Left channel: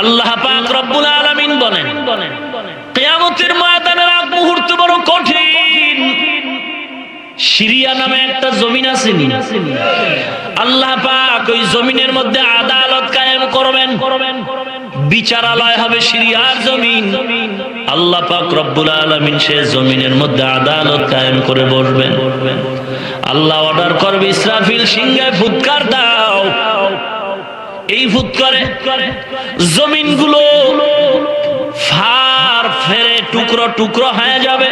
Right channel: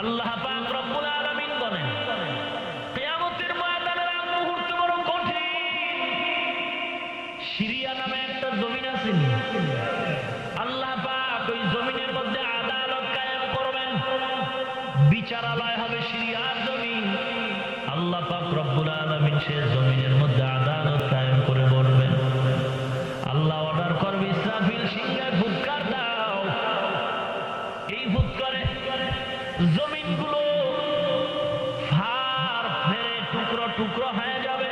আল্লাহ পাক রব্বুল আলামিন বলেন কিয়ামতের ময়দানের আগ মুহূর্ত বড় কঠিন। সিরিয়া নামে একটা জমিন আছে, আল্লাহ পাক ওই জমিনের মধ্যে আদালত কায়েম করবেন, বিচারালয় হবে সিরিয়ার জমিন। আল্লাহ পাক রব্বুল আলামিন সে জমিনের মধ্যে আদালত কায়েম করে বসবেন। আল্লাহ অর্ডার করবে, ইসরাফিল সিংহায় ফুৎকার দাও। এই ফুৎকারে জমিনগুলো ফার ফেরে টুকরো টুকরো হয়ে যাবে,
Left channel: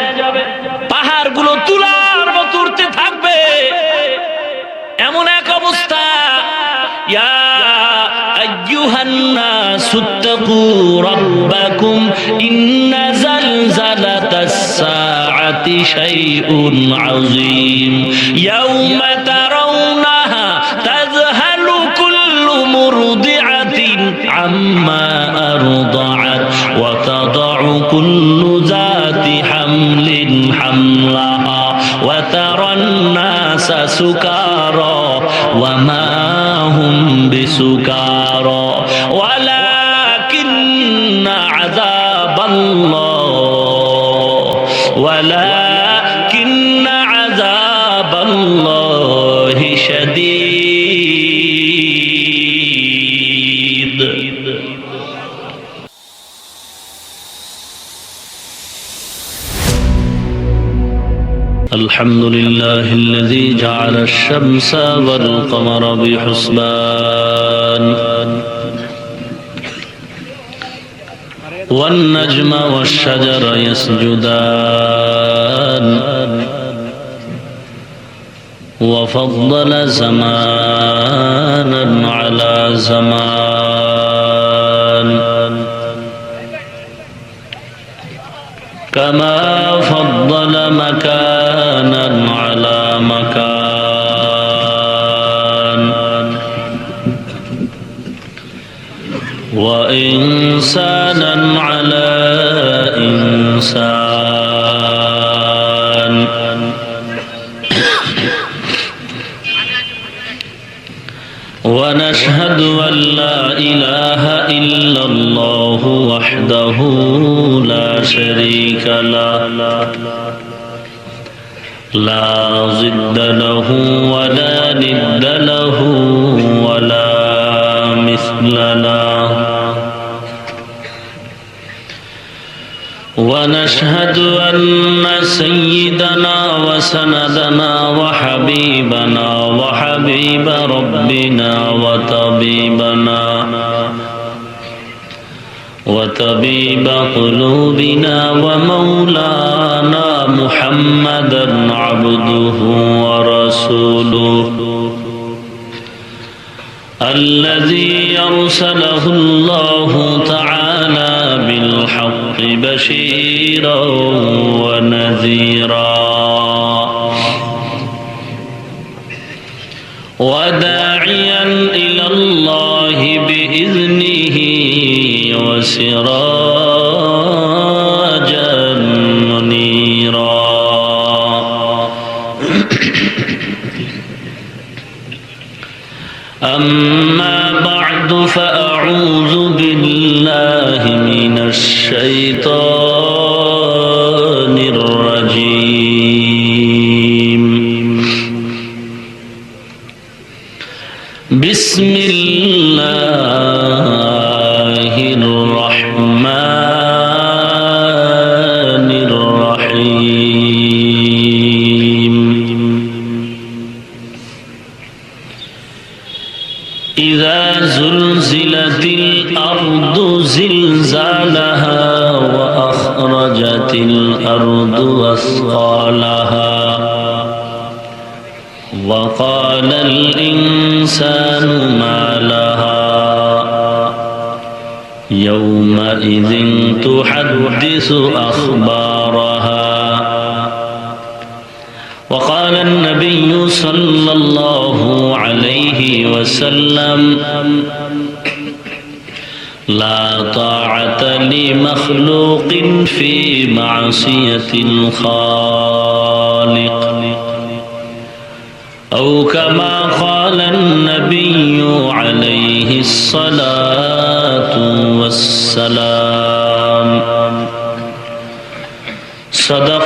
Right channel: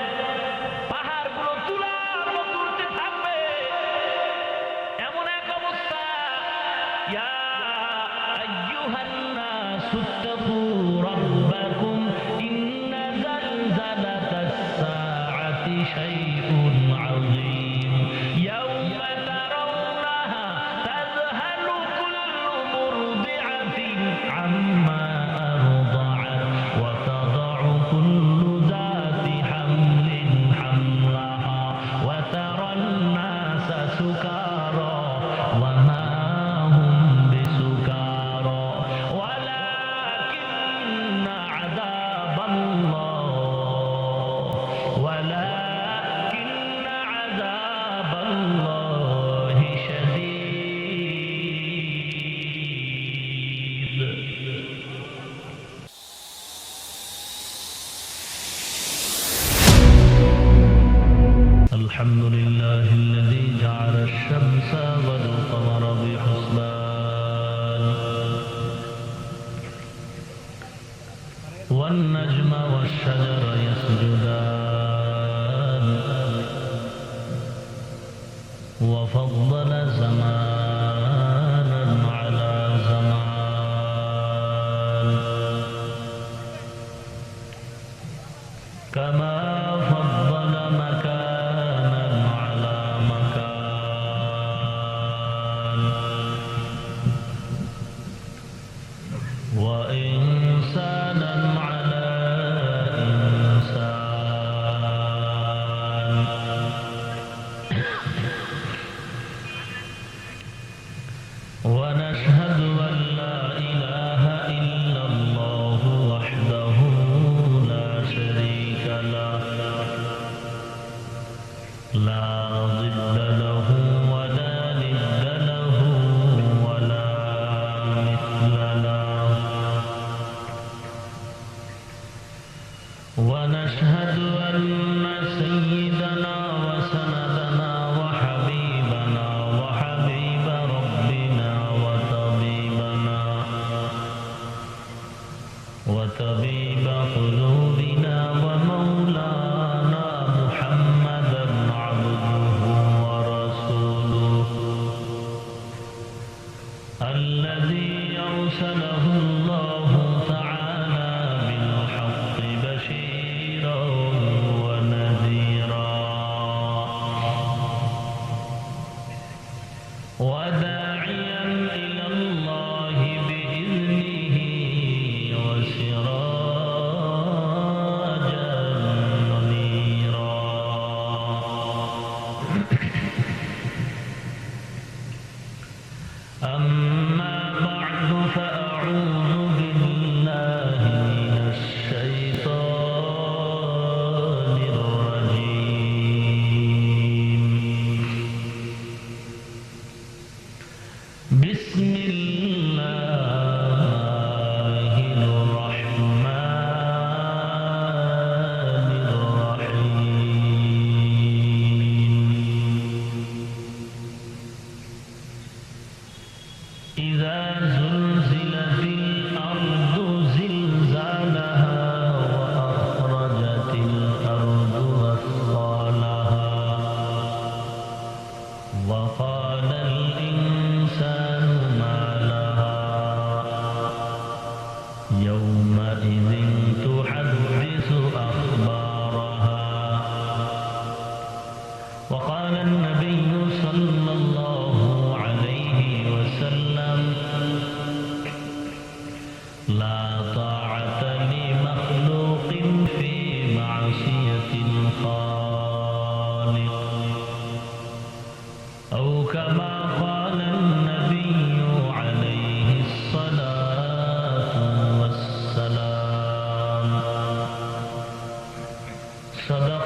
পাহাড়গুলো তুলার মতো উঠতে থাকবে। এমন এক অবস্থা, ইয়া আইয়ুহান নাসুত্তাকু রাব্বাকুম ইন্না জালজালাতাস সাআতি শাইউন আযীম ইয়াউমা তারাউনাহা তাযহালু কুল্লু মুরদিআতিন আম্মা আরদাআত ওয়া তাদাউ কুল্লু যাতি হামলিন হামলাহা ওয়া তারান নাসা সুকারা ওয়া মা হুম বিসুকারা ওয়ালাকিন্না আযাবাল্লাহি শাদীদ। الحمد لله الذي جعل الشمس والقمر بحسبان والنجم والشجر يسجدان وفضل زمانا على زمان كما فضل مكانا على مكان وإنسانا على إنسان ونشهد أن لا إله إلا الله وحده لا شريك له لا ضد له ولا ند له ولا مثل له ونشهد أن سيدنا وسندنا وحبيبنا وحبيب ربنا وطبيب قلوبنا ومولانا محمدا عبده ورسوله الذي أرسله الله تعالى بالحق بشيرا ونذيرا وداعيا إلى الله بإذنه وسراجا منيرا أما بعد فأعوذ بالله من الشيطان الرجيم بسم الله الرحمن الرحيم إذا زلزلت الأرض زلزالها وأخرجت الأرض أثقالها وقال الإنسان ما لها يومئذ تحدث أخبارها وقال النبي صلى الله عليه وسلم لا طاعة لمخلوق في معصية الخالق أو كما قال النبي عليه الصلاة والسلام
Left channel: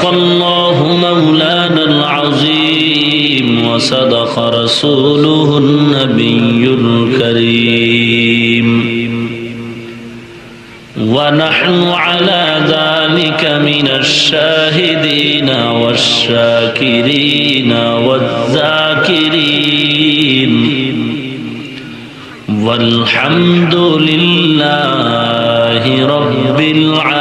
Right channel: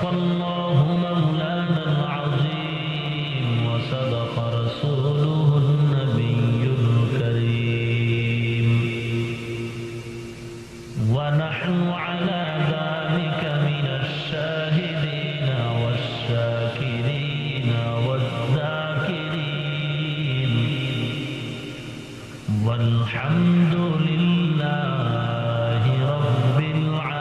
সাদাকাল্লাহু মাওলানাল আযীম ওয়া সাদাকা রাসূলুহুন নাবিয়্যুল কারীম ওয়া নাহনু আলা যালিকা মিনাশ শাহিদিনা ওয়াশ শাকিরিনা ওয়াজ যাকিরিন والحمد لله رب العالمين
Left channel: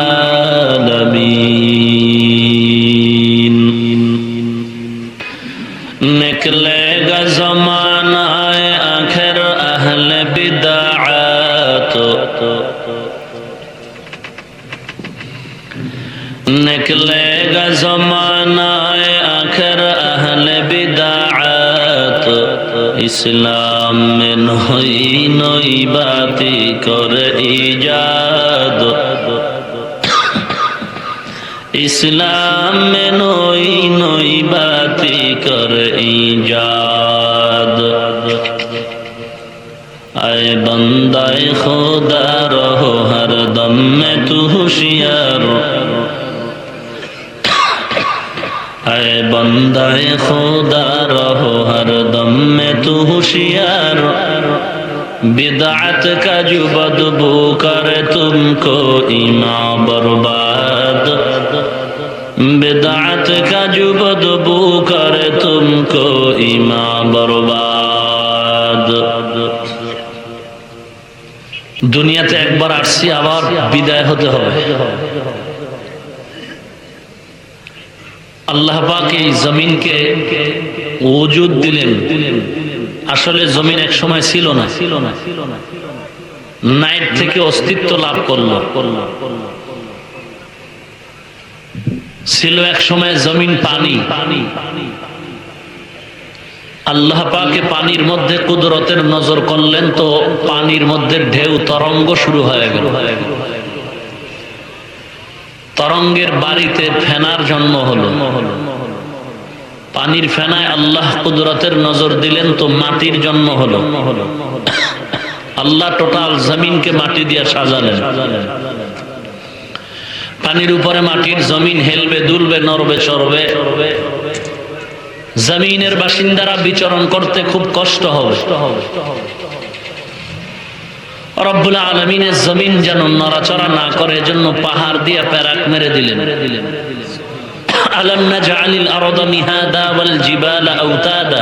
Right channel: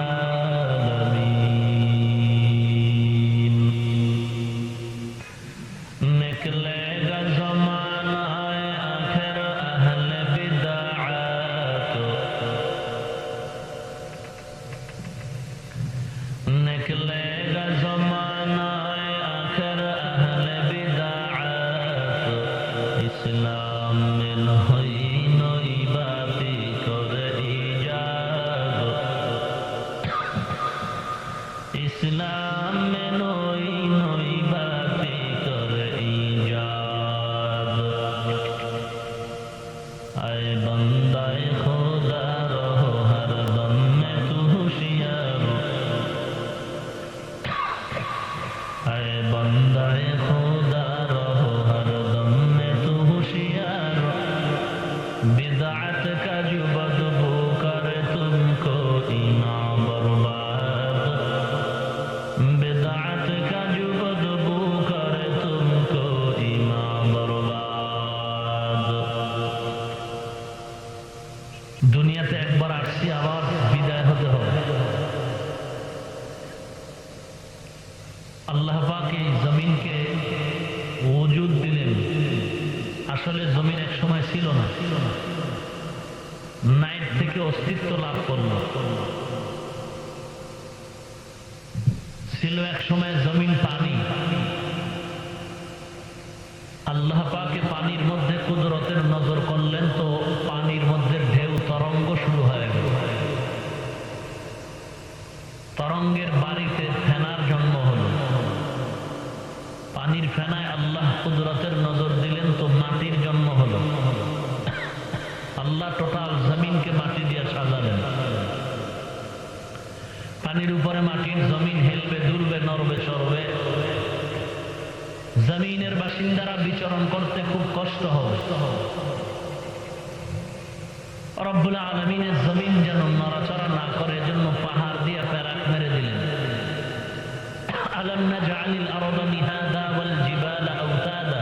निकलेगा ज़माना आखिर अहल बिदाअत निकलेगा ज़माना आखिर अहल बिदाअत इस्लाम में नई नई बातें कर इजाद इस्लाम में नई नई बातें कर इजाद आए बंदाए खुदा रहो हर दम में तू होशियार आए बंदाए खुदा रहो हर दम में तू होशियार बिदअत का जो बदबू करे तुमको ईमान बर्बाद बिदअत का जो बदबू करे तुमको ईमान बर्बाद दुनियाते একবার আসছি আবার বিদায় হতে হবে আল্লাহ পাক এই জমিনকে ওজুদ দিলেন আসলে জমিন এক সময় ছিল না নাইট থেকে অস্তিত্ব লাভ করলো ছিল এক সময় জমিন পানি আল্লাহ পাকে পানির মধ্যে কুদরতের নজর করলেন তো পানির মধ্যে ঢেউ তরঙ্গ শুরু হয়ে গেল তরঙ্গের বাড়িতে ফেনার জন্ম হলো পানির ফেনায় আল্লাহ কুদরতের নজর দিলেন তো মাটির জন্ম হলো আল্লাহ টোটাল জমিনকে মাটি দিয়ে সাজালেন পানির উপরে মাটির জমিন হেলবে দুলবে নড়বে চড়বে জমিনের বাসিন্দারা বিচরণ করতে খুব কষ্ট হবে রব্বুল আলামিনের জমিন যেন নড়াচড়া না করে এজন্য পাহাড় দিয়ে প্যারাক মেরে দিলেন আলাম নাজআলিল আরদা মিহাদা ওয়াল জিবালা আওতাদা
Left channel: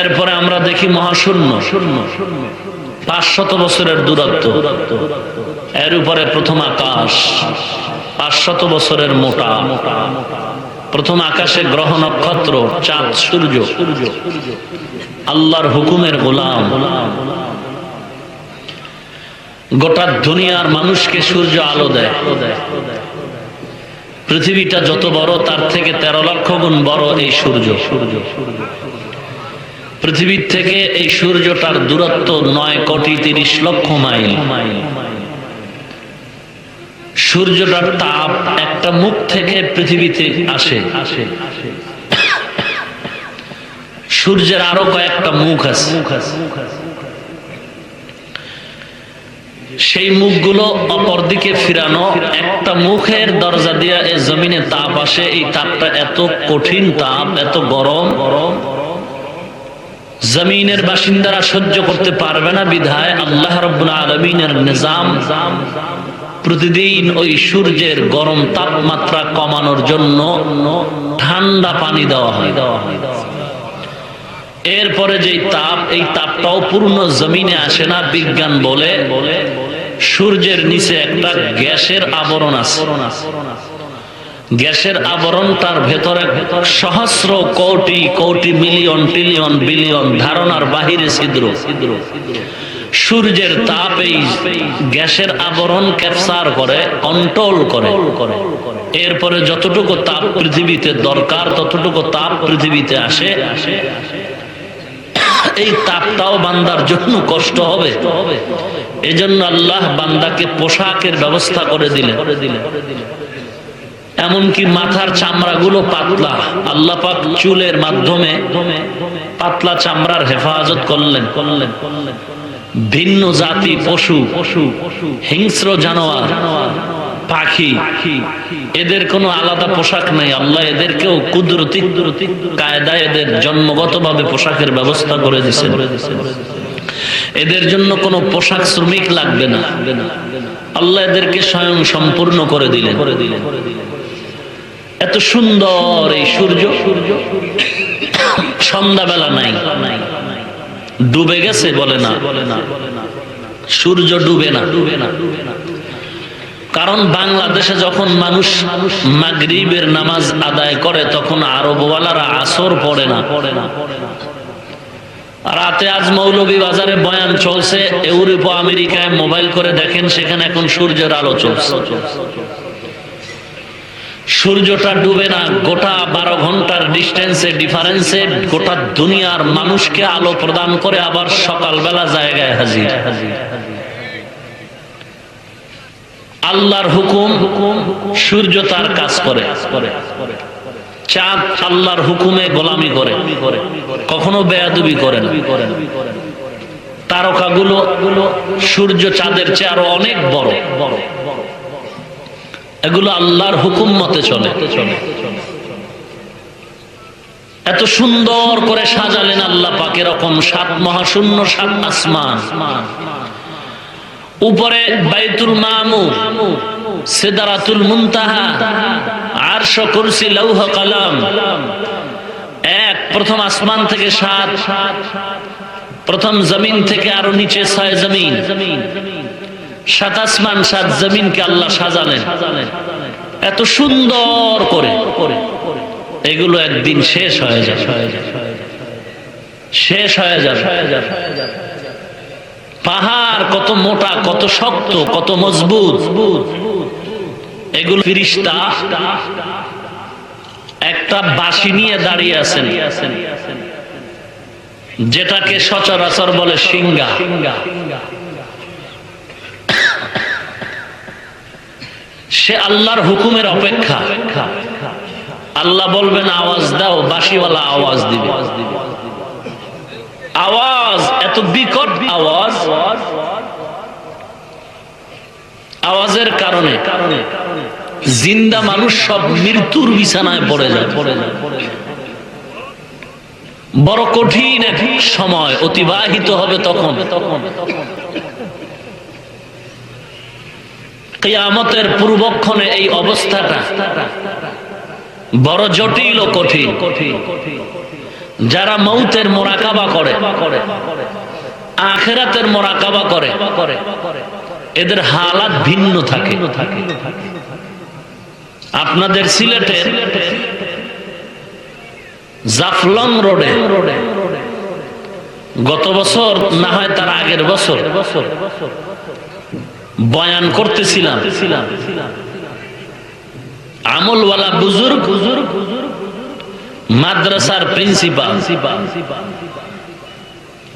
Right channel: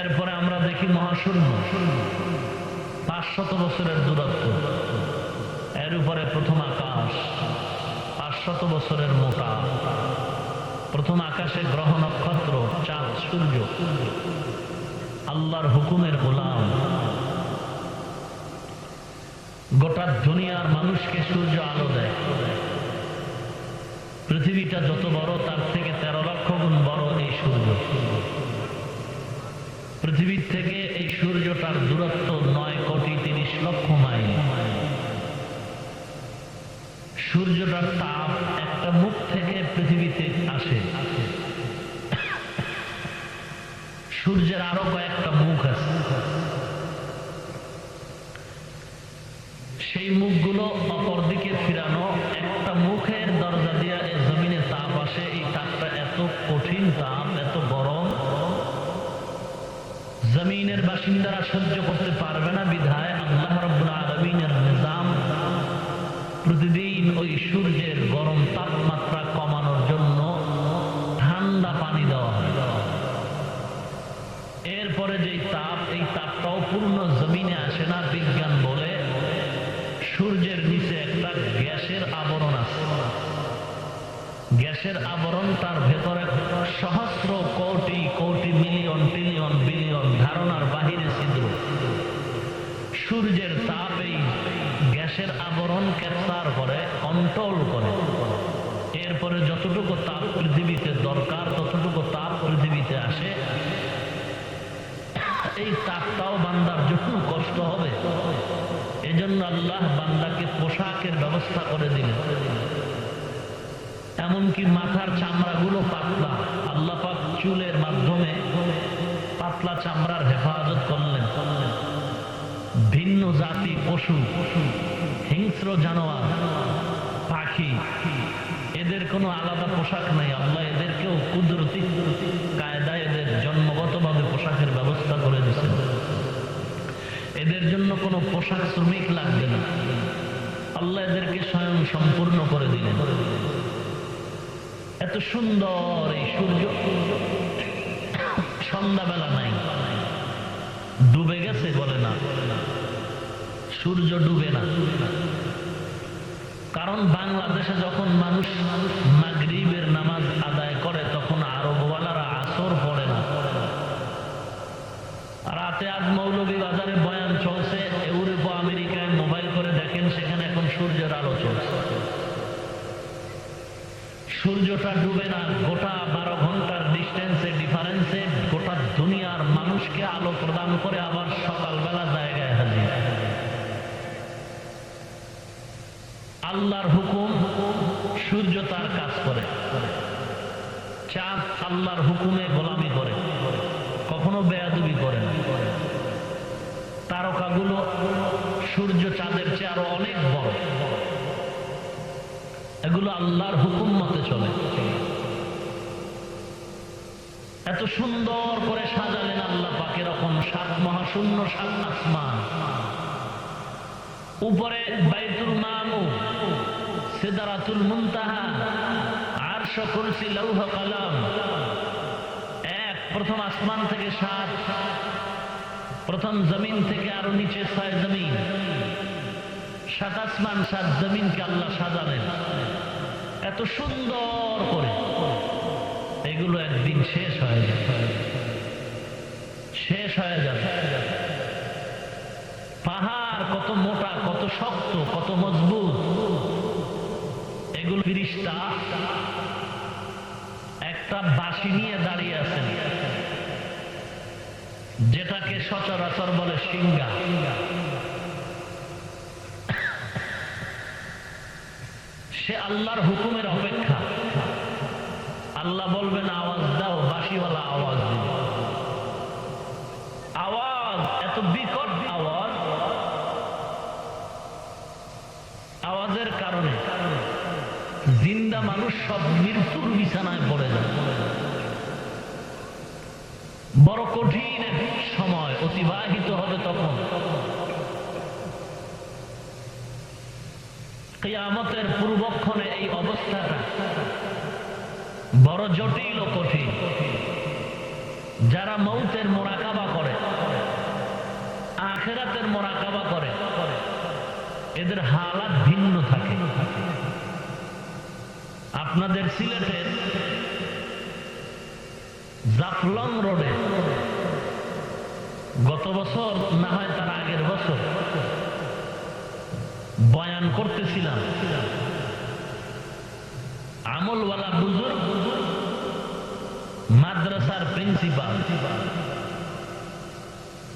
এরপরে আমরা দেখি মহাশূন্য 500 বছরের দূরত্ব এর উপরে প্রথম আকাশ 500 বছরের মোটা প্রথম আকাশে গ্রহ নক্ষত্র চাঁদ সূর্য আল্লাহর হুকুমের গোলাম গোটা দুনিয়ার মানুষকে সূর্য আলো দেয় পৃথিবীটা যত বড় তার থেকে 13 লক্ষ গুণ বড় এই সূর্য পৃথিবীর থেকে এই সূর্যটার দূরত্ব 9 কোটি 30 লক্ষ মাইল সূর্যটার তাপ একটা মুখ থেকে পৃথিবীতে আসে সূর্যের আরো কয়েকটা মুখ আছে সেই মুখগুলো অপর দিকে ফিরানো একটা মুখের দরজা দিয়ে এই জমিনে তাপ আসে এই তাপটা এত কঠিন তাপ এত গরম জমিনের বাসিন্দারা সহ্য করতে পারবে না বিধায় আল্লাহ রাব্বুল আলামিনের নিজাম প্রতিদিন ওই সূর্যের গরম তাপমাত্রা কমানোর জন্য ঠান্ডা পানি দেওয়া হয় এরপরে যে তাপ এই তাপটাও পূর্ণ জমিনে আসে না বিজ্ঞান বলে সূর্যের নিচে একটা গ্যাসের আবরণ আছে গ্যাসের আবরণটার ভেতরে সহস্র crore crore million trillion billion ধারণার বাহিরে ছিদ্র সূর্যের তাপ এই গ্যাসের আবরণ ক্যাপচার করে কন্ট্রোল করে এরপরে যতটুকু তাপ পৃথিবীতে দরকার ততটুকু তাপ পৃথিবীতে আসে এই তাপটাও বান্দার জন্য কষ্ট হবে এজন্য আল্লাহ বান্দাকে পোশাকের ব্যবস্থা করে দিলেন এমনকি মাথার চামড়াগুলো পাতলা আল্লাহ পাক চুলের মাধ্যমে পাতলা চামড়ার হেফাজত করলেন ভিন্ন জাতি পশু হিংস্র জানোয়ার পাখি, এদের কোনো আলাদা পোশাক নাই। আল্লাহ এদেরকেও কুদরতি কায়দায় এদের জন্মগতভাবে পোশাকের ব্যবস্থা করে দিয়েছেন। এদের জন্য কোনো পোশাক শ্রমিক লাগবে না, আল্লাহ এদেরকে স্বয়ং সম্পূর্ণ করে দিলেন। এত সুন্দর এই সূর্য, সন্ধ্যাবেলা নাই, ডুবে গেছে বলে না, সূর্য ডুবে না। কারণ বাংলাদেশে যখন মানুষ মাগরিবের নামাজ আদায় করে তখন আরবওয়ালারা আসর পড়ে না। রাতে আজ মৌলভীবাজারে বয়ান চলছে, ইউরোপ আমেরিকায় মোবাইল করে দেখেন, সেখানে এখন সূর্যের আলো চলছে। সূর্যটা ডুবে না, গোটা 12 ঘন্টার ডিস্টেন্সে ডিফারেন্সে গোটা দুনিয়ার মানুষকে আলো প্রদান করে আবার সকালবেলা জায়গায় হাজির। আল্লাহর হুকুম, সূর্য তার কাজ করে। চাঁদ আল্লাহর হুকুমে গোলামি করে, কখনো বেয়াদবি করে না। তারকাগুলো সূর্য চাঁদের চেয়ে আরো অনেক বড়, এগুলো আল্লাহর হুকুম মতে চলে। এত সুন্দর করে সাজালেন আল্লাহ পাক, এরকম 7 মহাশূন্য, 7 আসমান, উপরে বাইতুল মামুর, সিদরাতুল মুনতাহা, আরশ, কুরসি, লৌহ কলম। প্রথম আসমান থেকে 7, প্রথম জমিন থেকে আরো নিচে 6 জমিন, 7 আসমান 7 জমিনকে আল্লাহ সাজালেন এত সুন্দর করে। এগুলো একদিন শেষ হয়ে যায়, শেষ হয়ে যাবে। পাহাড় কত মোটা, কত শক্ত, কত মজবুত, এগুলো ফেরেশতা একটা বাঁশি নিয়ে দাঁড়িয়ে আছেন, যেটাকে সচরাচর বলে সিংহা। সে আল্লাহর হুকুমের অপেক্ষা। আল্লাহ বলবেন আওয়াজ দাও, বাঁশিওয়ালা আওয়াজ দিবে। আওয়াজ এত বিকট আওয়াজ, আওয়াজের কারণে জিন্দা মানুষ সব মৃত্যুর বিছানায় পড়ে যায়। বড় কঠিন এক সময় অতিবাহিত হবে তখন। কিয়ামতের পূর্বক্ষণে এই অবস্থাটা বড় জটিল ও কঠিন। যারা মৌতের মোরাকাবা করে, আখিরাতের মোরাকাবা করে, এদের হালাত ভিন্ন থাকে। আপনাদের সিলেটে জাফলং রোডে গত বছর, না হয় তার আগের বছর, বয়ান করতেছিলাম। আমলওয়ালা বুজুর্গ মাদ্রাসার প্রিন্সিপাল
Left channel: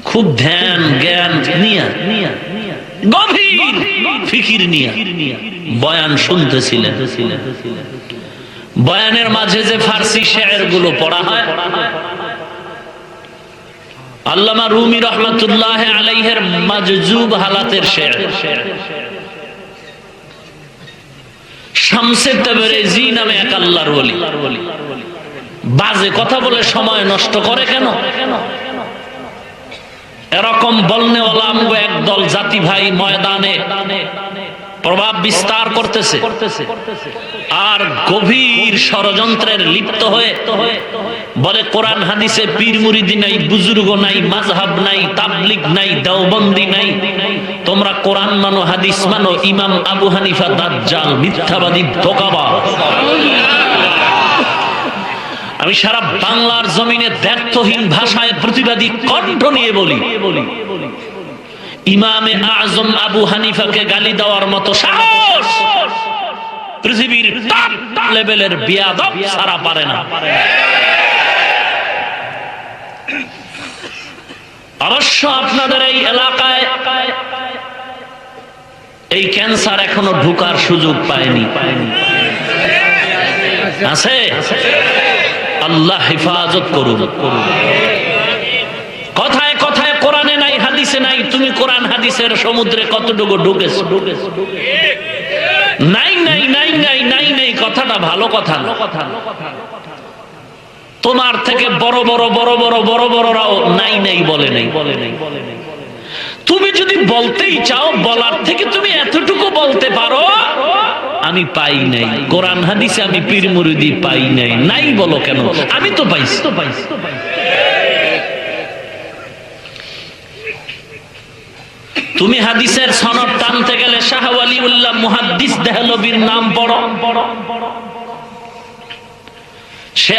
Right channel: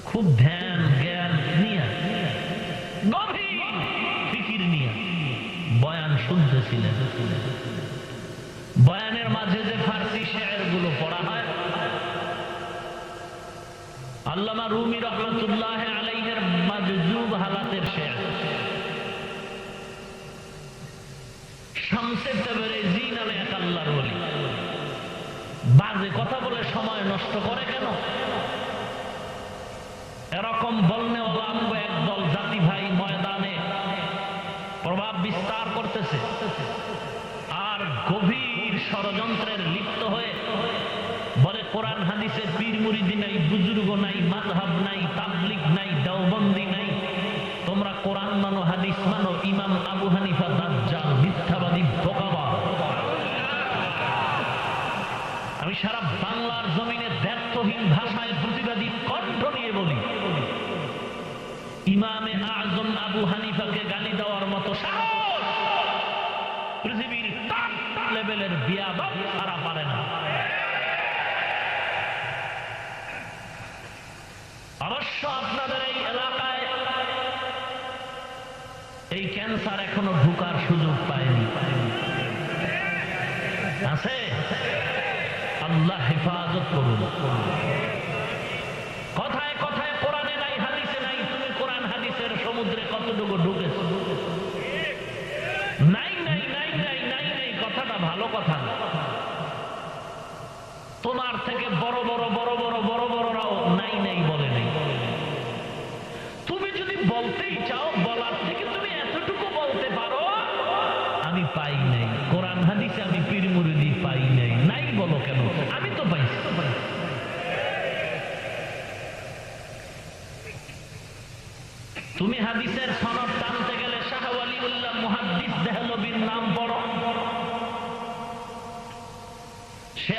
খুব ধ্যান জ্ঞান নিয়ে, গভীর ফিকির নিয়ে বয়ান শুনতেছিলেন। বয়ানের মাঝে যে ফার্সি শের গুলো পড়া হয়, আল্লামা রুমি রহমাতুল্লাহ আলাইহির মাজজুব হালাতের শের, শামসে তাবরেজি নামে এক আল্লাহর ওলি বাজে কথা বলে সময় নষ্ট করে কেন? এরকম বলনেওয়ালা আমগো একদল জাতি ভাই ময়দানে প্রভাব বিস্তার করতেছে, আর গভীর ষড়যন্ত্রের লিপ্ত হয়ে বলে কোরআন হাদিসে পীর মুরিদি নাই, বুজুর্গ নাই, মাযহাব নাই, তাবলিগ নাই, দেওবন্দি নাই। তোমরা কোরআন মানো, হাদিস মানো। ইমাম আবু হানিফা দাজ্জাল, মিথ্যাবাদী, ধোঁকাবাজ। আমি সারা বাংলার জমিনে দ্ব্যর্থহীন ভাষায় প্রতিবাদী কণ্ঠ নিয়ে বলি, ইমামে আজম আবু হানিফাকে গালি দেওয়ার মতো সাহস পৃথিবীর টপ লেভেলের বিয়াদব সারা পারে না। অবশ্য আপনাদের এই এলাকায় এই ক্যান্সার এখনো ঢোকার সুযোগ পায়নি। আছে? আল্লাহ হেফাজত করুন। কথায় কথায় কোরআনে নাই, হাদিসে নাই। তুমি কোরআন হাদিসের সমুদ্রে কতটুকু ঢুকেছ? নাই নাই নাই নাই নাই নাই কথাটা ভালো কথা না। তোমার থেকে বড় বড় বড় বড় বড় বড়রাও নাই নাই বলে নাই। তুমি যদি বলতেই চাও, বলার থেকে তুমি এতটুকু বলতে পারো আমি পাই নাই, কোরআন হাদিসে আমি পীর মুরিদি পাই নাই। নাই বলো কেন? আমি তো পাইছি। তুমি হাদিসের সনদ টানতে গেলে শাহ ওয়ালিউল্লাহ মুহাদ্দিস দেহলভীর নাম পড়ো। সে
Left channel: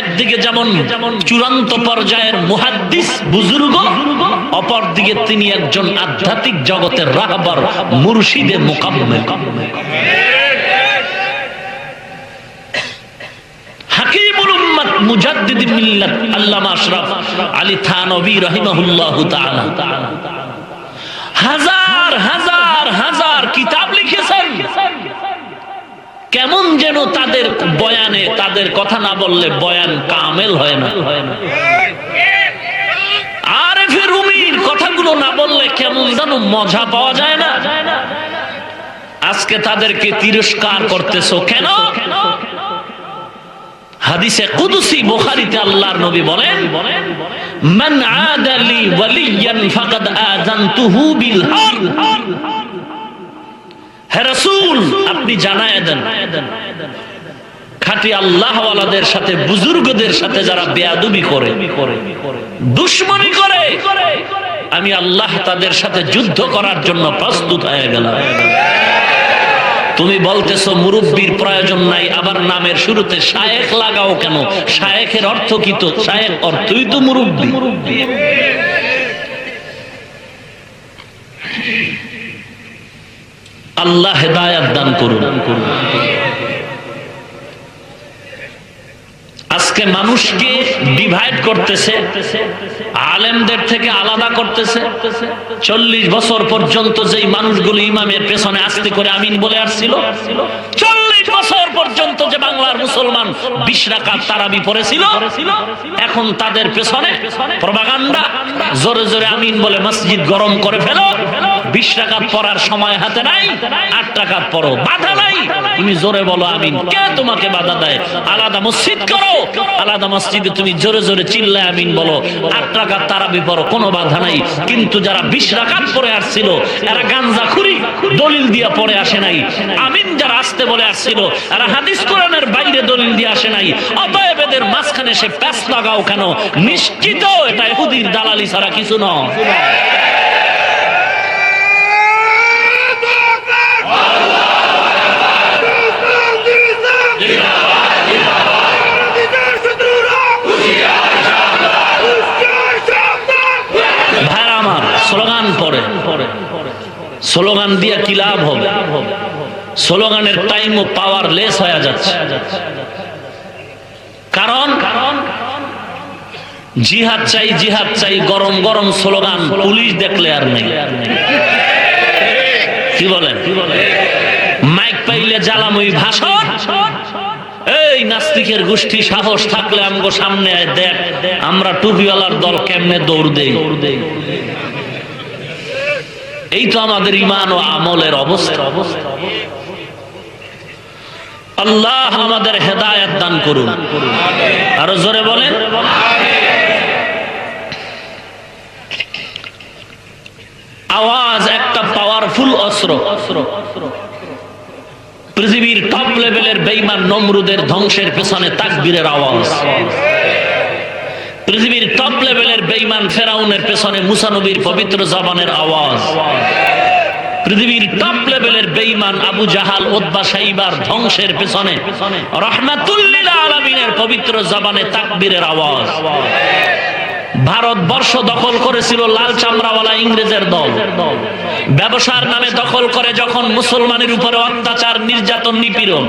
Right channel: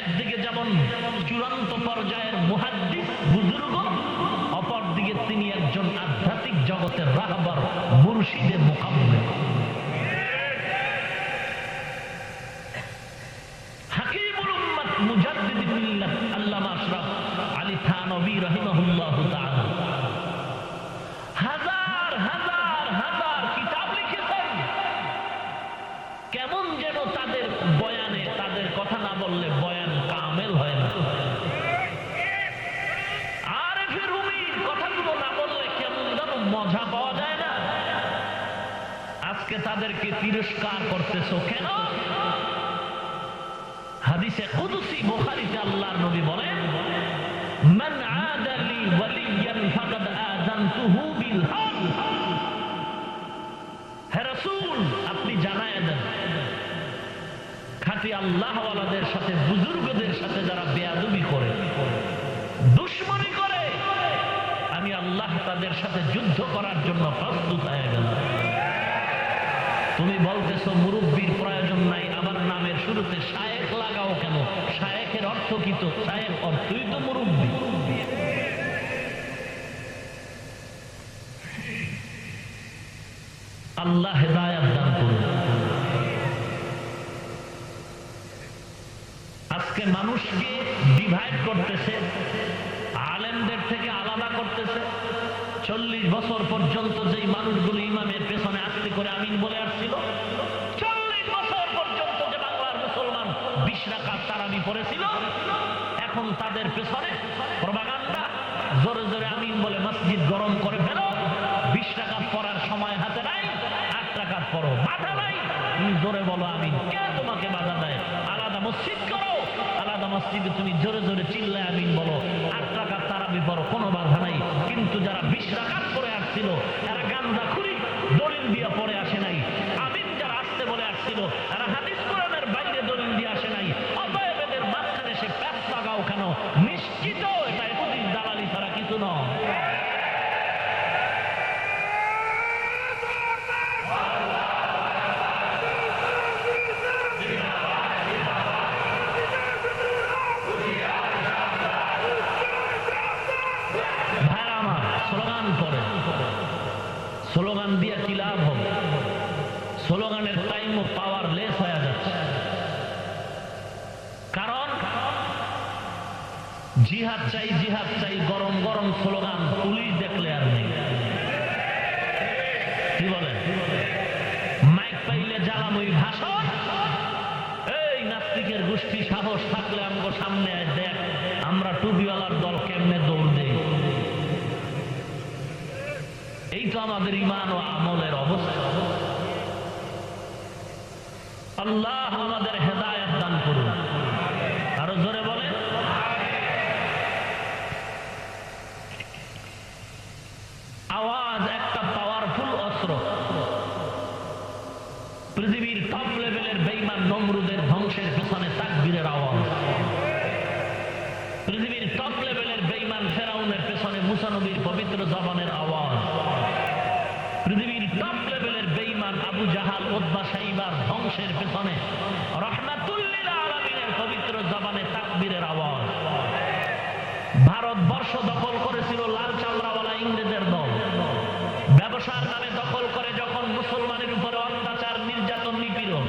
একদিকে যেমন চূড়ান্ত পর্যায়ের মুহাদ্দিস বুজুর্গ, অপরদিকে তিনি একজন আধ্যাত্মিক জগতের রাহবার মুর্শিদে মুকাম্মেল। হাকিমুল উম্মাত মুজাদ্দিদুল মিল্লাত আল্লামা আশরাফ আলী থানভী রাহিমাহুল্লাহু তাআলা হাজার হাজার হাজার কিতাব লিখেছেন। কেমন যেন তাদের বয়ানে, তাদের কথা না বললে বয়ান কামেল হয় না। আরেফে রুমির কথাগুলো না বললে কেমন যেন মজা পাওয়া যায় না। আজকে তাদেরকে তিরস্কার করতেছো কেন? হাদিসে কুদসি বুখারীতে আল্লাহর নবী বলেন, মান আদালি ওয়ালিয়ান ফাকাদ আযানতুহু বিল হারব। হে রাসূল, আপনি জানায় দেন, খাঁটি আল্লাহ ওয়ালাদের সাথে, বুজুর্গদের সাথে যারা বেয়াদবি করে, দুশমনি করে, আমি আল্লাহ তাদের সাথে যুদ্ধ করার জন্য প্রস্তুত হয়ে গেলাম। তুমি বলতেছো মুরব্বির প্রয়োজন নাই, আবার নামের শুরুতে শায়েখ লাগাও কেন? শায়েখের অর্থ কি? তো শায়েখ অর্থই তো মুরব্বি। আল্লাহ হেদায়েত দান করুন। আজকে মানুষকে ডিভাইড করতেছে, আলেমদের থেকে আলাদা করতেছে। 40 বছর পর্যন্ত যেই মানুষগুলো ইমামের পেছনে আস্তে করে আমিন বলে আসছিল, 40 বছর পর্যন্ত যে বাংলার মুসলমান 20 রাকাত তারাবি পড়েছিল, এখন তাদের পেছনে প্রপাগান্ডা, জোরে জোরে আমিন বলে মসজিদ গরম করে ফেলো। 20 রাকাত পড়ার সময় হাতে নাই, 8 রাকাত পড়ো, বাধা নাই। তুমি জোরে বলো আমিন, কে তোমাকে বাধা দেয়? আলাদা মসজিদ করো, আলাদা মসজিদে তুমি জোরে জোরে চিল্লায় আমিন বলো, 8 রাকাত তারাবি পড়ো, কোনো বাধা নাই। কিন্তু যারা 20 রাকাত পড়ে আসছিল, এরা গাঞ্জাখুরি দলিল দিয়া পড়ে আসে নাই। আমিন যারা আসতে বলে আসছিল, এরা হাদিস কোরআনের বাইরে দলিল দিয়ে আসে নাই। অতএব এদের মাঝখানে সে প্যাচ লাগাও কেন? নিশ্চিত এটা ইহুদির দালালি ছাড়া কিছু নয়। স্লোগান পড়ে, স্লোগান দিয়ে কি লাভ হবে? স্লোগানের টাইম ও পাওয়ার লেস হয়ে যাচ্ছে। কারণ জিহাদ চাই, জিহাদ চাই, গরম গরম স্লোগান পুলিশ দেখলে আর নেই। কি বলেন? মাইক পাইলে জ্বালাময়ী ভাষণ। এই নাস্তিকের গোষ্ঠী সাহস থাকলে আমগো সামনে দেখ, আমরা টুপিওয়ালার দল কেমনে দৌড় দেই। এই তো আমাদের ঈমান ও আমলের অবস্থা। আল্লাহ আমাদের হেদায়েত দান করুন। আরো জোরে বলেন। আওয়াজ একটা পাওয়ারফুল অস্ত্র। পৃথিবীর টপ লেভেলের বেঈমান নমরুদের ধ্বংসের পেছনে তাকবীরের আওয়াজ। পৃথিবীর টপ লেভেলের বেঈমান ফেরাউনের পেছনে মুসা নবীর পবিত্র জবানের আওয়াজ। পৃথিবীর টপ লেভেলের বেঈমান আবু জাহাল, উতবা, শাইবার ধ্বংসের পেছনে রাহমাতুল লিল আলামিনের পবিত্র জবানে তাকবীরের আওয়াজ। ভারতবর্ষ দখল করেছিল লাল চামড়াওয়ালা ইংরেজের দল। ব্যবসার নামে দখল করে যখন মুসলমানের উপরে অত্যাচার, নির্যাতন, নিপীড়ন,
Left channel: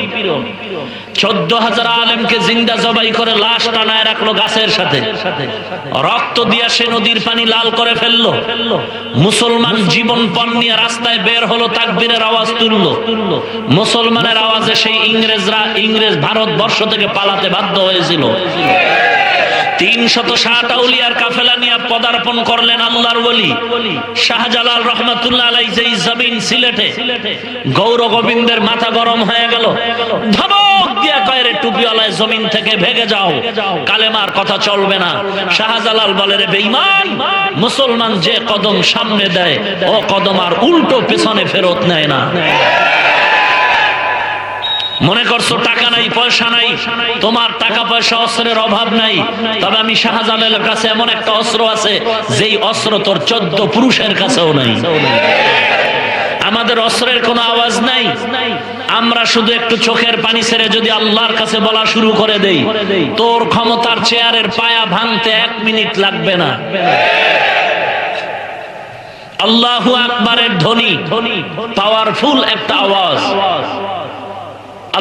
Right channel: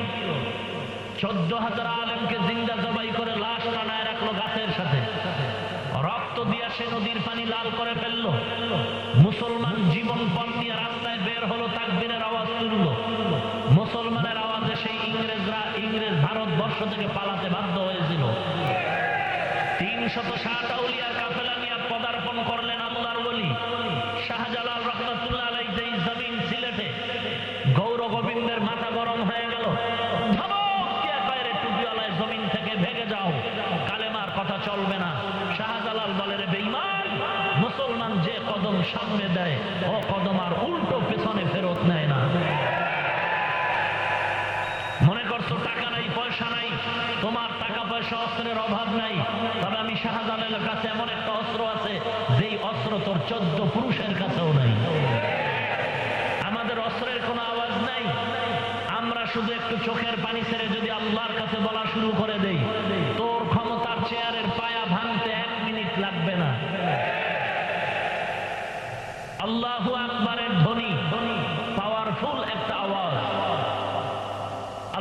14,000 আলেমকে জিন্দা জবাই করে লাশ টানায় রাখলো গাছের সাথে। রক্ত দিয়া সে নদীর পানি লাল করে ফেললো। মুসলমান জীবন পণ নিয়ে রাস্তায় বের হলো, তাকবীরের আওয়াজ তুললো। মুসলমানের আওয়াজে সেই ইংরেজ ভারতবর্ষ থেকে পালাতে বাধ্য হয়েছিল। 360 আউলিয়ার কাফেলা নিয়ে পদার্পণ করলেন আল্লাহর ওলি শাহজালাল রহমাতুল্লাহ আলাইহি। যেই জমিন সিলেটে গৌর গোবিন্দের মাথা গরম হয়ে গেল, ধমক দিয়া কয় রে টুপিওয়ালায় জমিন থেকে ভেগে যাও, কালেমার কথা চলবে না। শাহজালাল বলে রে বেঈমান, মুসলমান যে কদম সামনে দেয় ও কদম আর উল্টো পেছনে ফেরত নেয় না। মনে করছো টাকা নাই পয়সা নাই, তোমার টাকা পয়সা অস্ত্রের অভাব নাই, তবে আমি শাহজালালের কাছে এমন একটা অস্ত্র আছে যেই অস্ত্র তোর 14 পুরুষের কাছেও নাই। আমাদের অস্ত্রের কোনো আওয়াজ নাই, আমরা শুধু একটু চোখের পানি ছেড়ে যদি আল্লাহর কাছে বলা শুরু করে দেই, তোর ক্ষমতার চেয়ারের পায়া ভাঙতে 1 মিনিট লাগবে না। আল্লাহু আকবারের ধ্বনি পাওয়ারফুল একটা আওয়াজ।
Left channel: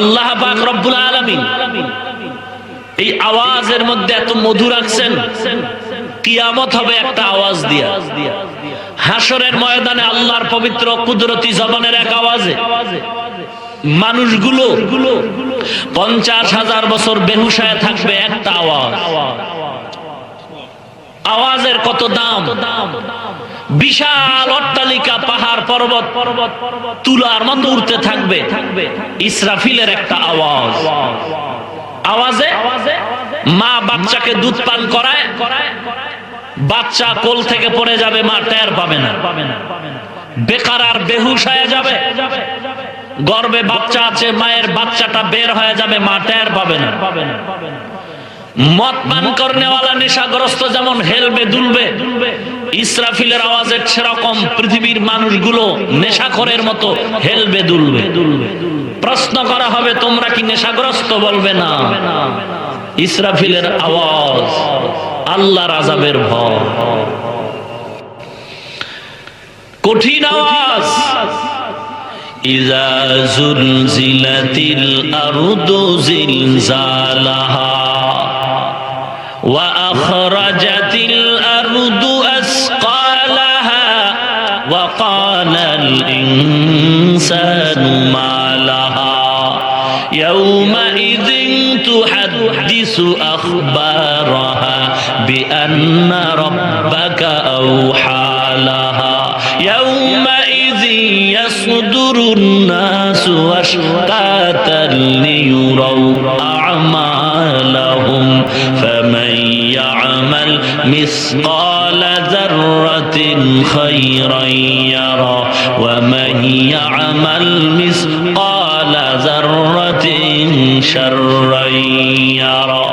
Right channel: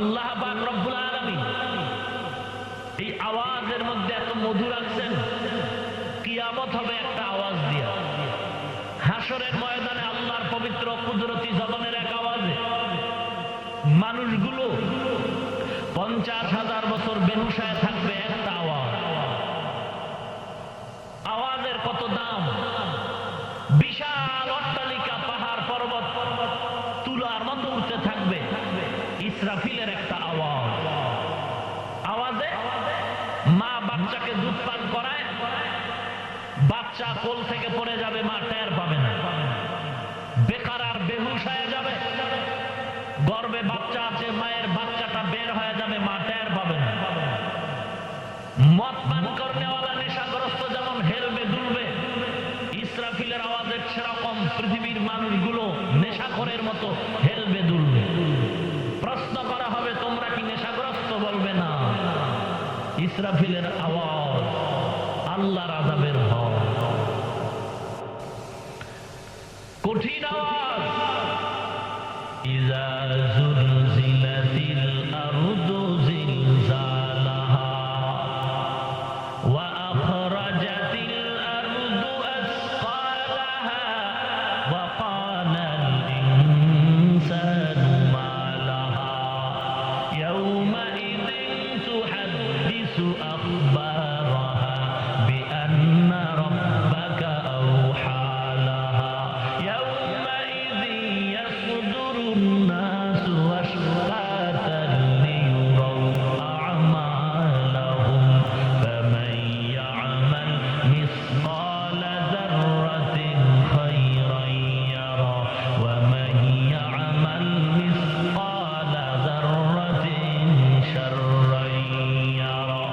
আল্লাহ পাক রব্বুল আলামিন এই আওয়াজের মধ্যে এত মধু রাখছেন, কিয়ামত হবে একটা আওয়াজ দিয়া। হাসরের ময়দানে আল্লাহর পবিত্র কুদরতি জবানের এক আওয়াজে মানুষগুলো 50,000 বছর বেহুশ হয়ে থাকবে একটা আওয়াজ। আওয়াজের কত দাম! বিশাল অট্টালিকা, পাহাড় পর্বত তুলার মতো উঠতে থাকবে। ইসরাফিলের একটা আওয়াজ, আওয়াজে মা বাচ্চাকে দুধ পান করায়, বাচ্চা কোল থেকে পড়ে যাবে, মা টের পাবে না, বেকার আর বেহুশ হয়ে যাবে। গর্ভে বাচ্চা আছে, মায়ের বাচ্চাটা বের হয়ে যাবে, মা টের পাবে না। মদ পান করনেওয়ালা নেশাগ্রস্ত যেমন হেলবে দুলবে, ইসরাফিলের আওয়াজে সেরকম পৃথিবীর মানুষগুলো নেশাখোরের মতো হেলবে দুলবে। প্রশ্ন করা হবে তোমরা কি নেশাগ্রস্ত? বলবে না। ইসরাফিলের আওয়াজ আল্লাহর আযাবের ভয়, কঠিন আওয়াজ। ইযা যুলজিলাতিল আরদু জিলজালাহা ওয়া আখরাজাতিল আরদু আসকালাহা ওয়া ক্বালাল ইনসানু মা লাহা ইয়াওমাইযিন তুহাদ্দিসু আখবারাহা বিআন্না রাব্বাকা আওহা লাহা ইয়াওমাইযিন ইয়াসদুরুন নাসু আশতাতান লিয়ুরাউ আ'মালাহুম ফামান ইয়া'মাল মিসকালা যাররাতিন খায়রান ইয়ারা ওয়া মান ইয়া'মাল মিসকালা যাররাতিন শাররান ইয়ারা।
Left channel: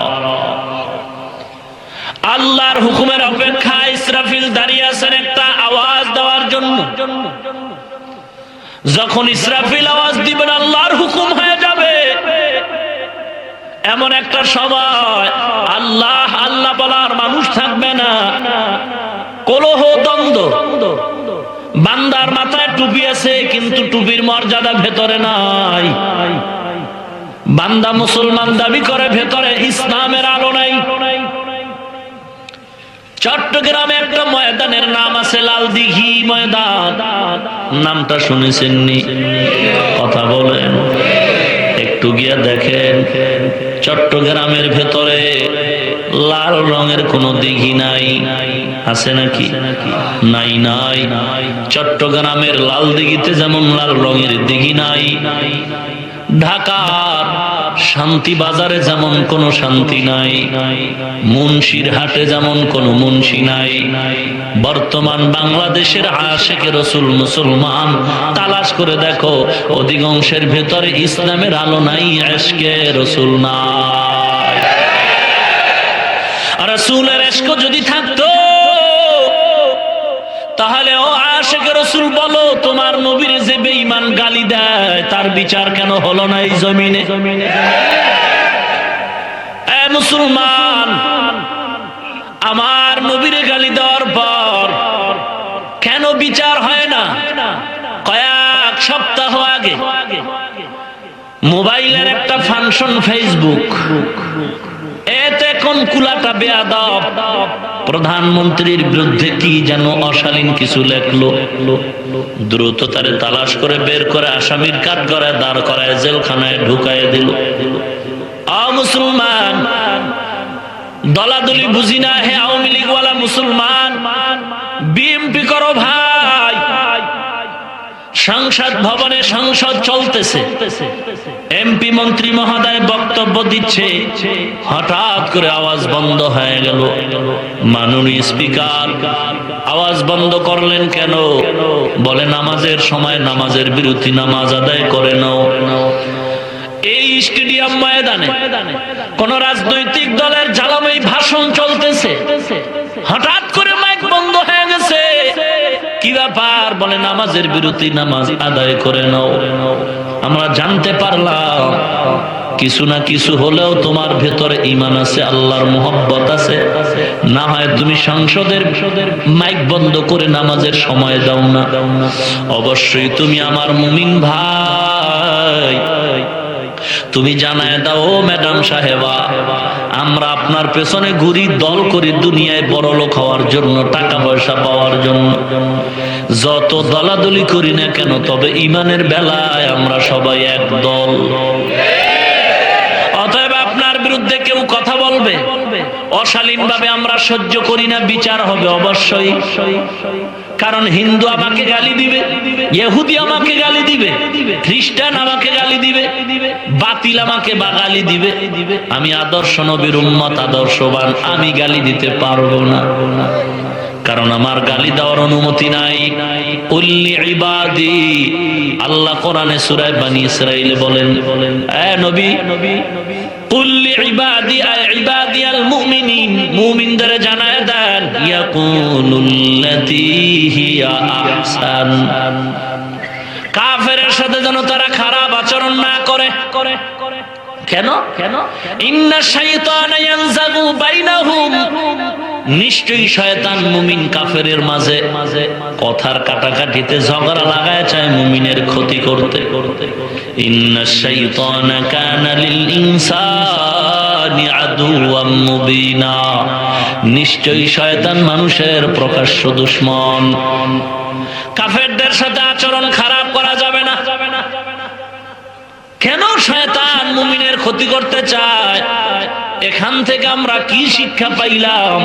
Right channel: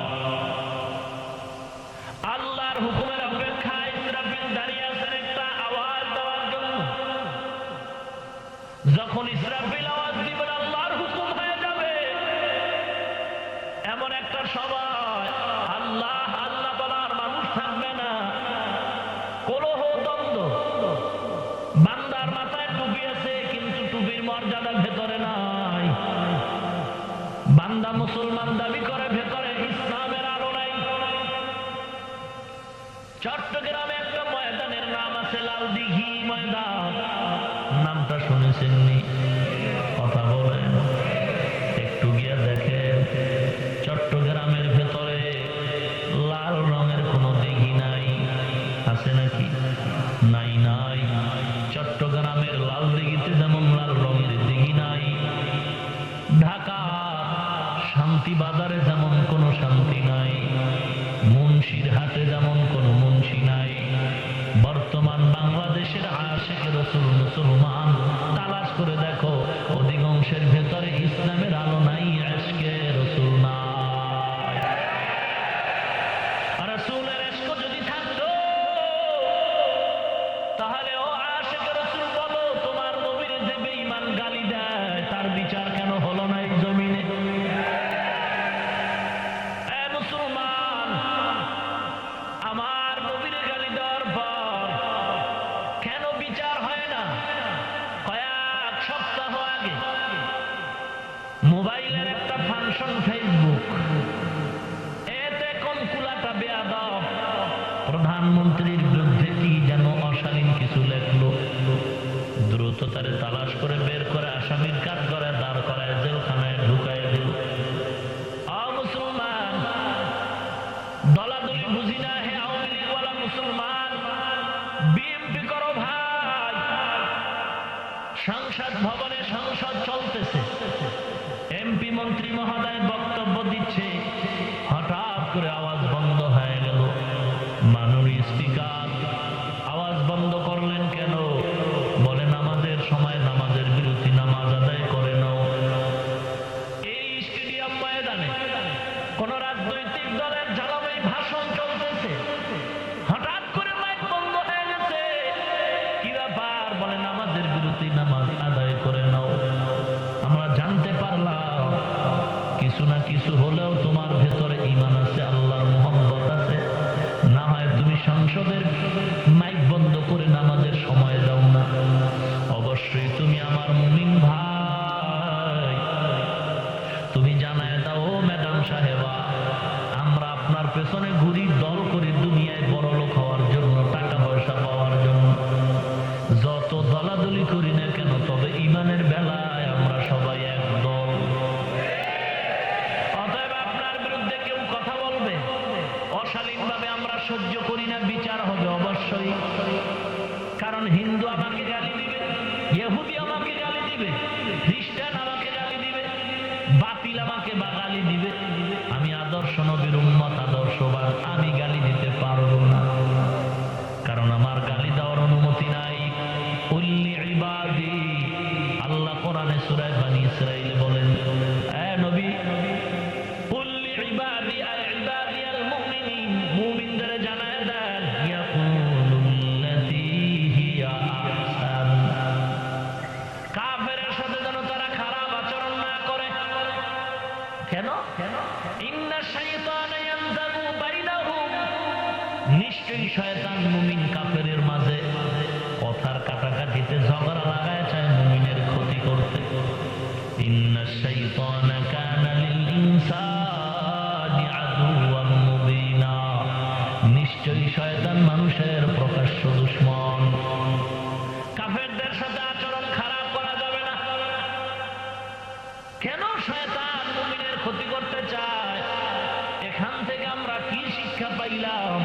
আল্লাহর হুকুমের অপেক্ষায় ইসরাফিল দাঁড়িয়ে আছেন একটা আওয়াজ দেওয়ার জন্য। যখন ইসরাফিল আওয়াজ দিবেন আল্লাহর হুকুম হয়ে যাবে, এমন একটা সময় আল্লাহ আল্লাহ বলার মানুষ থাকবে না। কলহ দ্বন্দ্ব, বান্দার মাথায় টুপি আছে কিন্তু টুপির মর্যাদা ভেতরে নাই। বান্দা মুসলমান দাবি করে, ভেতরে ইসলামের আলো নাই। চট্টগ্রামে একটা ময়দানের নাম আছে লাল দিঘি ময়দান, নামটা শুনেছেননি? কথা বলেন, একটু গিয়ে দেখেন চট্টগ্রামের ভেতরে লাল রঙের কোনো দিঘি নাই। আছে নাকি? নাই নাই। চট্টগ্রামের লাল দিঘিতে যেমন লাল রঙের দিঘি নাই, ঢাকার শান্তি বাজারে যেমন কোনো শান্তি নাই, মুন্সির হাটে যেমন কোনো মুন্সি নাই। বর্তমান বাংলাদেশের আশিকে রাসূল মুসলমান তালাশ করে দেখো, অধিকাংশের ভেতরে ইসলামের আলো নাই, ইশকে রাসূল নাই। আর রাসূলের ইশক যদি থাকতো তাহলে ও আশিকে রাসূল বলো, তোমার নবীর যে বেঈমান গালি দেয় তার বিচার কেন হলো না এই জমিনে? এ মুসলমান, আমার নবীর গালি দেওয়ার পর কেন বিচার হয় না? কয়েক সপ্তাহ আগে মোবাইলের একটা ফাংশন ফেসবুক, এতে কোন কুলাটা বেয়াদব প্রধানমন্ত্রীর বিরুদ্ধে কি যেন অশালীন কিছু লেখলো। দ্রুত তারে তালাশ করে বের করে আসামির কাঠ করে দাঁড় করায় জেলখানায় ঢুকায় দিল। মুসলমান, দলাদলি বুঝি না, হে আওয়ামী লীগওয়ালা মুসলমান, বিএনপি করো ভাই। সংসদ ভবনে সংসদ চলতেছে, এমপি মন্ত্রী মহোদয় বক্তব্য দিচ্ছে, হঠাৎ করে আওয়াজ বন্ধ হয়ে গেল। মাননীয় স্পিকার, আওয়াজ বন্ধ করলেন কেন? বলে নামাজের সময় নামাজের বিরতি, নামাজ আদায় করে নাও। এই স্টেডিয়াম ময়দানে কোন রাজনৈতিক দলের জ্বালাময়ী ভাষণ চলতেছে, হঠাৎ করে মাইক বন্ধ হয়ে গেছে। কি ব্যাপার? বলে নামাজের বিরতি, নামাজ আদায় করে নাও। আমরা জানতে পারলাম কিছু না কিছু হলেও তোমার ভেতরে ঈমান আছে, আল্লাহর মুহাব্বত আছে। না হয় তুমি সংসদের মাইক বন্ধ করে নামাজের সময় দাও না। অবশ্যই তুমি আমার মুমিন ভাই, তুমি জানায় দাও, ম্যাডাম সাহেবা, আমরা আপনার পেছনে ঘুরি, দল করি দুনিয়ায় বড় লোক হওয়ার জন্য, টাকা পয়সা পাওয়ার জন্য। যত দলাদলি করি না কেন, তবে ঈমানের বেলায় আমরা সবাই এক দল। অতএব আপনার বিরুদ্ধে কেউ কথা বলবে, অশালীন ভাবে আমরা সহ্য করি না, বিচার হবে অবশ্যই। কারণ হিন্দু আমাকে গালি দিবে, ইহুদি আমাকে গালি দিবে, খ্রিস্টান আমাকে গালি দিবে, বাতিল আমাকে বা গালি দিবে। আমি আদর্শ নবীর উম্মত, আদর্শবান, আমি গালি দিতে পারবো না, কারণ আমার গালি দেওয়ার অনুমতি নাই। উল্লি ইবাদি, আল্লাহ কোরআনে সূরা বানী ইসরাঈলে বলেন, এ নবী, কুল্লি ইবাদি ইবাদিয়াল মুমিনিন, মুমিনদের জানায় দেন, ইয়াকুলুল্লাতী হিয়া আহসান, কাফেরের সাথে যেন তারা খারাপ আচরণ না করে। কেন? ইন্না শাইতানা ইয়ানজাগু বাইনাহুম, নিশ্চয়ই শয়তান মুমিন কাফেরের মাঝে কথার কাটাকাটিতে ঝগড়া লাগায় চায় মুমিনের ক্ষতি করতে। ইন্না শাইতানা কানা লিল ইনসানি আদুওয়াম মুবিনা, নিশ্চয়ই শয়তান মানুষের প্রকাশ্য দুশমন। কাফেরদের সাথে আচরণ খারাপ করা যাবে না। কেন শয়তান মুমিনের ক্ষতি করতে চায়? এখান থেকে আমরা কি শিক্ষা পাইলাম?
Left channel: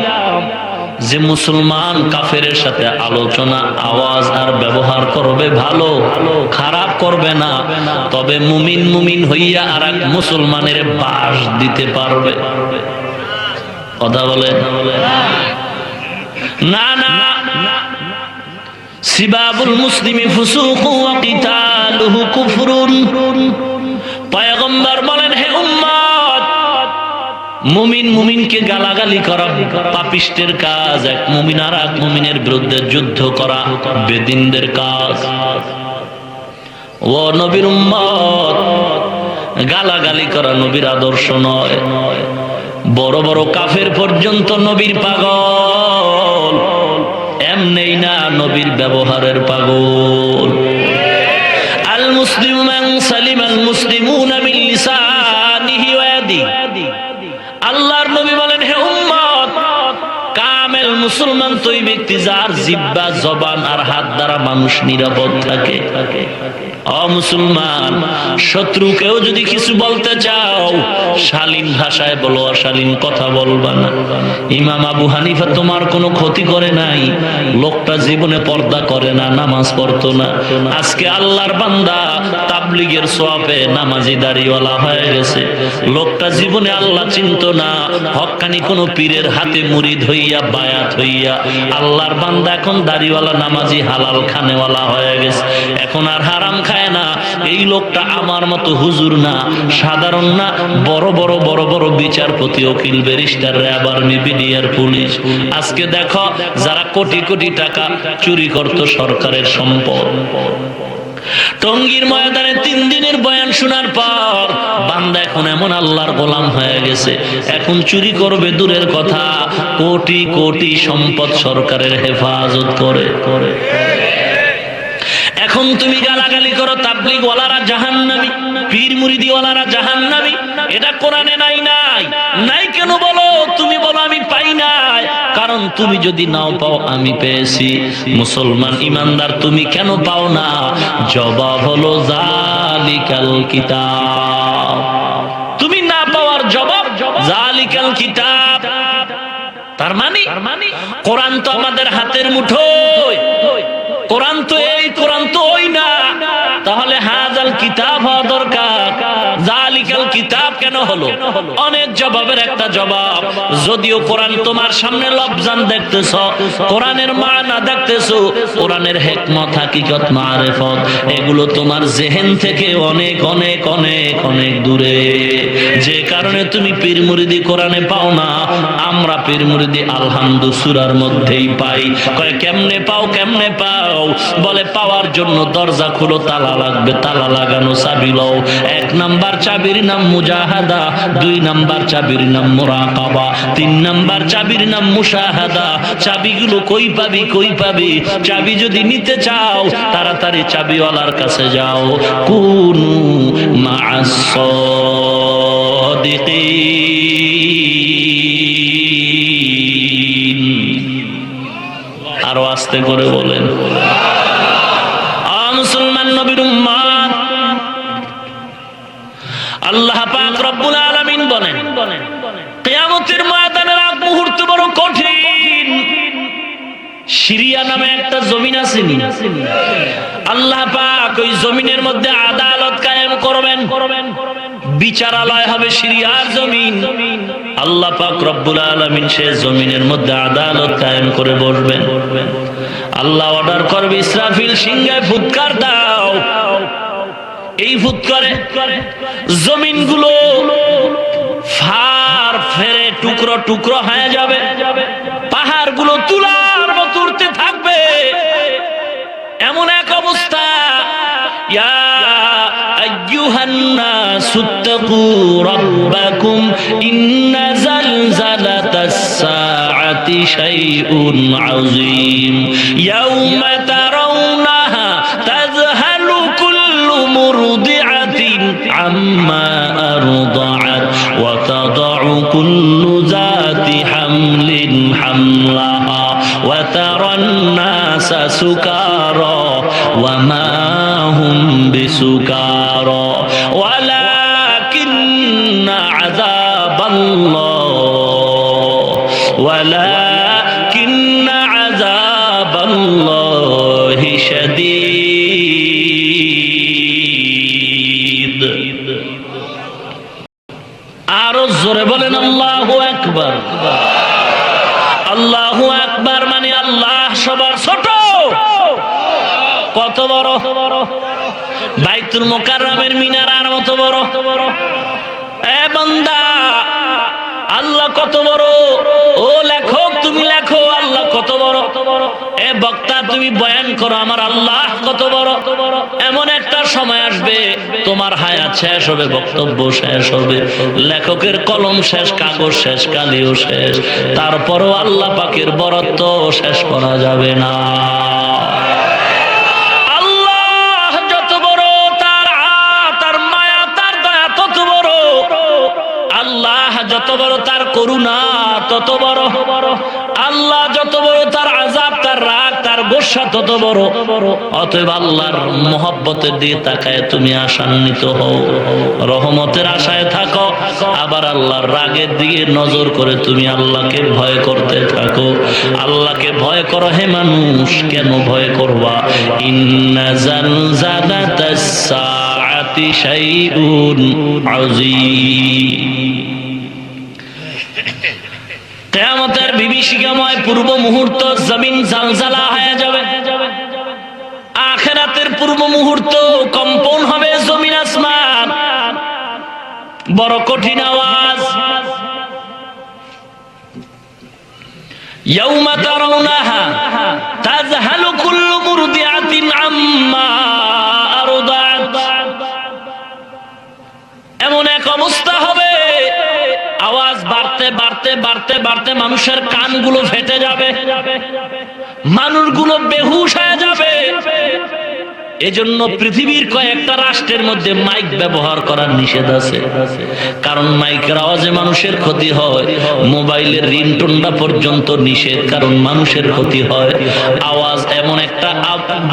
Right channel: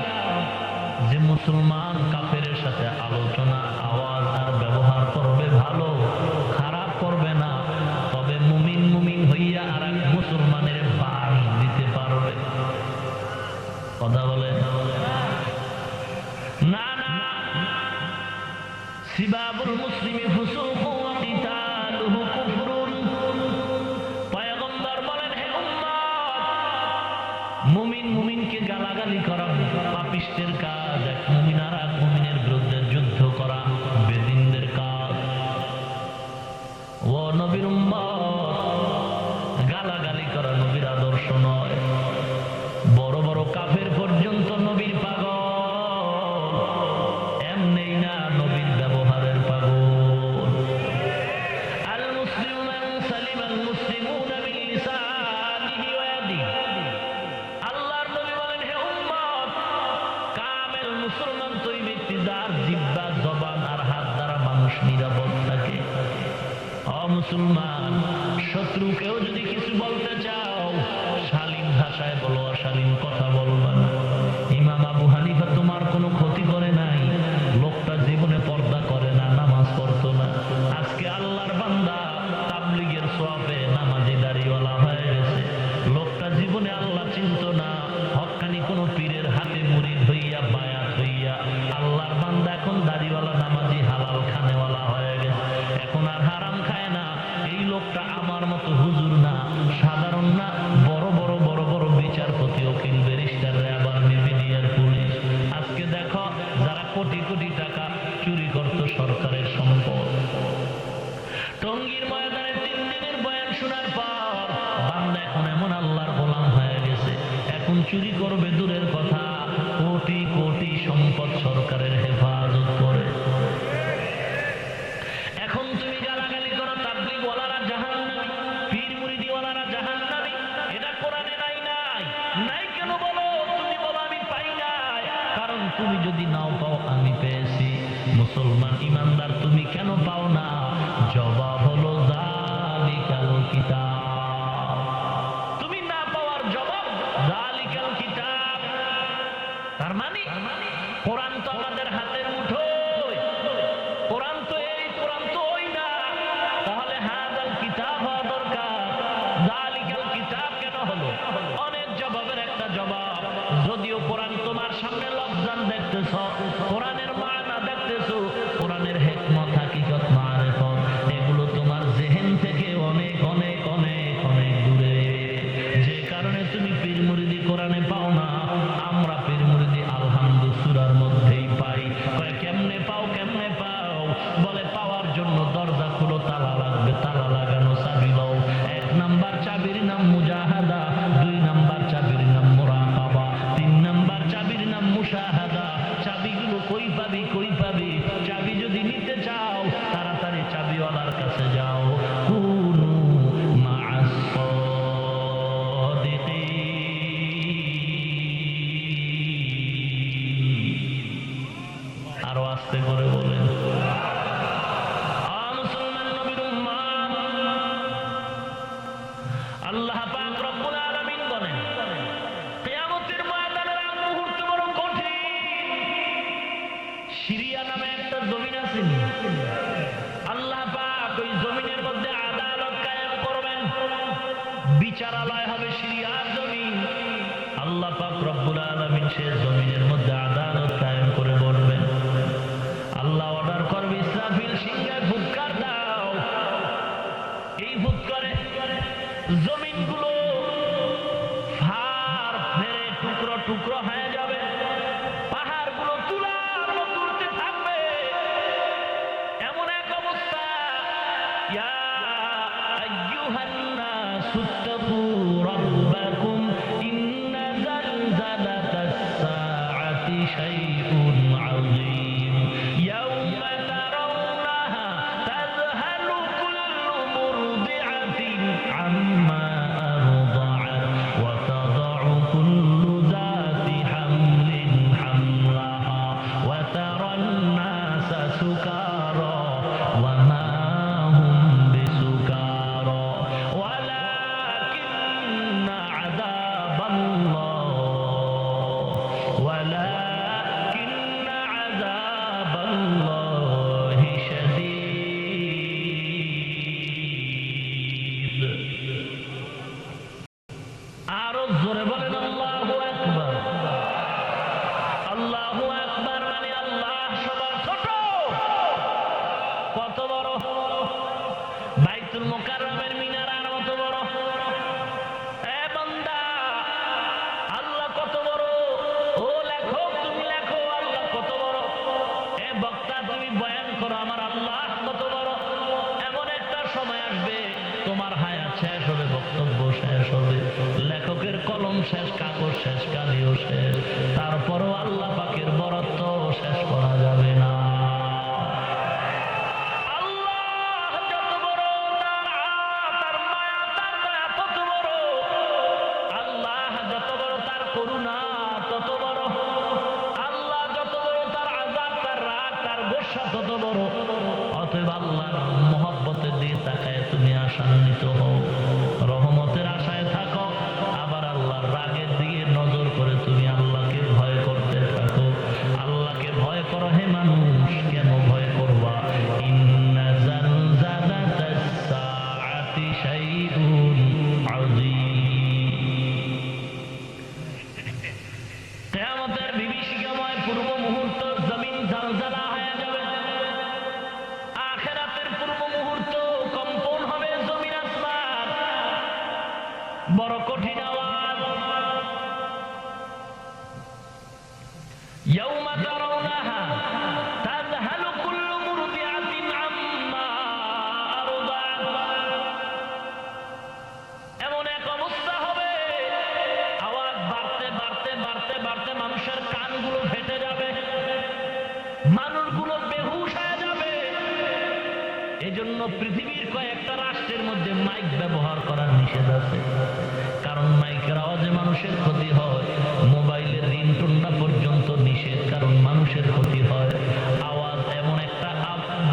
যে মুসলমান কাফেরের সাথে আলোচনা, আওয়াজ আর ব্যবহার করবে ভালো, খারাপ করবে না, তবে মুমিন হইয়া আর এক মুসলমানের বাস দিতে পারবে। কথা বলে না না, সিবাবুল মুসলিমি ফুসুকু ওয়া কিতালুহু কুফরুন। পয়গম্বর বলেন, হে উম্মত, মুমিনকে গালাগালি করা পাপিষ্টের কাজ, এক মুমিন আর এক মুমিনের বিরুদ্ধে যুদ্ধ করা বেদিনদের কাজ। ও নবীর উম্মত, গালাগালি করা নবীর আদর্শ নয়। বড় বড় কাফের পর্যন্ত নবীর পাগল, এমনি না, নবীর ব্যবহারের পাগল। আল মুসলিমু মান সালিমাল মুসলিমুনা মিন লিসানিহি ওয়া ইয়াদিহি, আল্লাহর নবী বলেন, হে উম্মত, কামেল মুসলমান তো ওই ব্যক্তি যার জিহ্বা, জবান আর হাত দ্বারা মানুষ নিরাপদ থাকে। মুসলমান, শত্রুকেও যদি কিছু বলতে চাও, শালীন ভাষায় বলো, অশালীন কথা বলবা না। ইমাম আবু হানিফা তোমার কোনো ক্ষতি করে নাই, লোকটা জীবনে পর্দা করে না, নামাজ পড়তো না, আজকে আল্লাহর বান্দা, তাবলীগের সওয়াবে নামাজি দাড়িওয়ালা হয়ে গেছে। লোকটা জীবনে আল্লাহ চিনতো না, হক্কানি কোন পীরের হাতে মুরিদ হইয়া, বায়াত হইয়া আল্লাহর বান্দা এখন দাড়িওয়ালা, নামাজি, হালাল খানেওয়ালা হয়ে গেছে, এখন আর হারাম খায় না। এই লোকটা আমার মতো হুজুর না, সাধারণ না, বড় বড় বিচারপতি, উকিল, barrister, RAB, army, BDR, police. আজকে দেখো, যারা কোটি কোটি টাকা চুরি করত সরকারের সম্পদ, টঙ্গীর ময়দানে 3 দিনের বয়ান শোনার পর বান্দা এখন এমন আল্লাহর গোলাম হয়ে গেছে, এখন চুরি করবে দূরের কথা, কোটি কোটি সম্পদ সরকারের হেফাজত করে। এখন তুমি গালাগালি করো, তাবলীগ ওয়ালারা জাহান্নামী, পীর মুরিদি ওয়ালারা জাহান্নামী, এটা কোরআনে নাই। নাই কেন বলো? তুমি বলো আমি পাই নাই, কারণ তুমি যদি নাও পাও আমি পেয়েছি। মুসলমান ইমানদার, তুমি কেন পাও না? জবাব হলো যালিকাল কিতাব। তুমি না পাওয়ার জবাব জালিকাল কিতাব, তার মানে কোরআন তো আমাদের হাতের মুঠোয়, কোরআন তো এই, কোরআন তো ওই না। তাহলে হাজাল কিতাব হওয়া দরকার। জালিকাল কিতাব কেন হলো? অনেক জবাবের একটা জবাব। যদিও কোরআন তোমার সামনে লফজান দেখতেছ, কোরআনের মানা দেখতেছো, কোরআনের হিকমত, হাকিকত, মারিফত এগুলো তোমার জেহেন থেকে অনেক অনেক অনেক অনেক দূরে। যে কারণে তুমি পীর মুরিদি কোরআনে পাও না, আমরা পীর মুরিদি আলহামদু সূরার মধ্যেই পাই। কয় কেমনে পাও, কেমনে পাও? বলে পাওয়ার জন্য দরজা খুলো, তালা লাগবে, তালা লাগানো চাবি লও। 1 নাম্বার চাবির নাম মুজাহাদা, 2 নাম্বার চাবির নাম মুরাকাবা, 3 নাম্বার চাবির নাম মুশাহাদা। চাবিগুলো কই পাবি, কই পাবি? চাবি যদি নিতে চাও তাড়াতাড়ি চাবিওয়ালার কাছে যাও। কুনু মা'আস সাদিকিন। আরো আস্তে করে বলেন। মুসলমান নবীর উম্মত, আল্লাহ পাক রব্বুল আলামিন বলেন কিয়ামতের ময়দানের আগ মুহূর্ত বড় কঠিন। সিরিয়া নামে একটা জমিন আছে, আল্লাহ পাক ওই জমিনের মধ্যে আদালত কায়েম করবেন, বিচারালয় হবে সিরিয়ার জমিন। আল্লাহ পাক রব্বুল আলামিন সে জমিনের মধ্যে আদালত কায়েম করে বসবেন। আল্লাহ অর্ডার করবে, ইসরাফিল সিংহায় ফুৎকার দাও। এই ফুৎকারে জমিনগুলো ফার ফেরে টুকরো টুকরো হয়ে যাবে, পাহাড়গুলো তুলার মতো উঠতে থাকবে। এমন এক অবস্থা, ইয়া আইয়ুহান নাসু তাকু রাব্বাকুম ইন্না জালজালাতাস সাআতি শাইউন আযীম ইয়াউমা তারাউনাহা তাযহালু কুল্লু মুরদিআতিন আম্মা আরদাআত ওয়া তাদাউ কুল্লু যাতি হামলিন হামলাহা ওয়া তারান নাসা সুকারা ওয়া মা হুম বিসুকারা ওয়ালাকিন্না আযাবাল্লাহি শাদীদ। আরো জোরে বলেন আল্লাহু আকবার। আল্লাহু আকবার মানে আল্লাহ সবার ছোট। কত বড়? বাইতুল মুকাররমের মিনারার মতো বড়। এ বান্দা, আল্লাহ কত বড়? ও লেখক তুমি লেখো, আল্লাহ কত বড়? এ বক্তা তুমি বয়ান করো, আমার আল্লাহ কত বড়। এমন একটা সময় আসবে তোমার হায়াত শেষ হবে, বক্তব্য শেষ হবে, লেখকের কলম শেষ, কাগজ শেষ, কালিও শেষ, তারপরও আল্লাহ পাকের বরত্ব শেষ করা যাবে না। যত বড় তার করুণা তত বড়। আল্লাহ যত বড় তার আযাব, তার রাগ, তার গোসা তত বড়। অতএব আল্লাহর মহব্বতের দিকে তাকায় তুমি আশান্বিত হও, রহমতের আশায় থাকো। আবার আল্লাহর রাগের দিকে নজর করে তুমি আল্লাহকে ভয় করতে থাকো। আল্লাহকে ভয় করো হে মানুষ। কেন ভয় করবা? ইন্না জালজালাতাস সাআতি শাইউন আযীম। কিয়ামতের বিভীষিকাময় পূর্ব মুহূর্ত জমিন জালজালা হয়ে যাবে। আখিরাতের পূর্ব মুহূর্ত কম্পন হবে জমিন আসমান। বড় কঠিন আওয়াজ। ইয়াউমা তারাউনাহা তাযহালু কুল্লু মুরদিআতিন আম্মা আরদাআত। এমন এক অবস্থা হবে, আওয়াজ বাড়তে বাড়তে বাড়তে বাড়তে মানুষের কানগুলো ফেটে যাবে, মানুষগুলো বেহুশ হয়ে যাবে। এজন্য পৃথিবীর কয়েকটা রাষ্ট্রের মধ্যে মাইক ব্যবহার করার নিষেধ আছে। কারণ মাইকের আওয়াজে মানুষের ক্ষতি হয়। মোবাইলের রিংটোনটা পর্যন্ত নিষেধ, কারণ মানুষের ক্ষতি হয়। আওয়াজ এমন একটা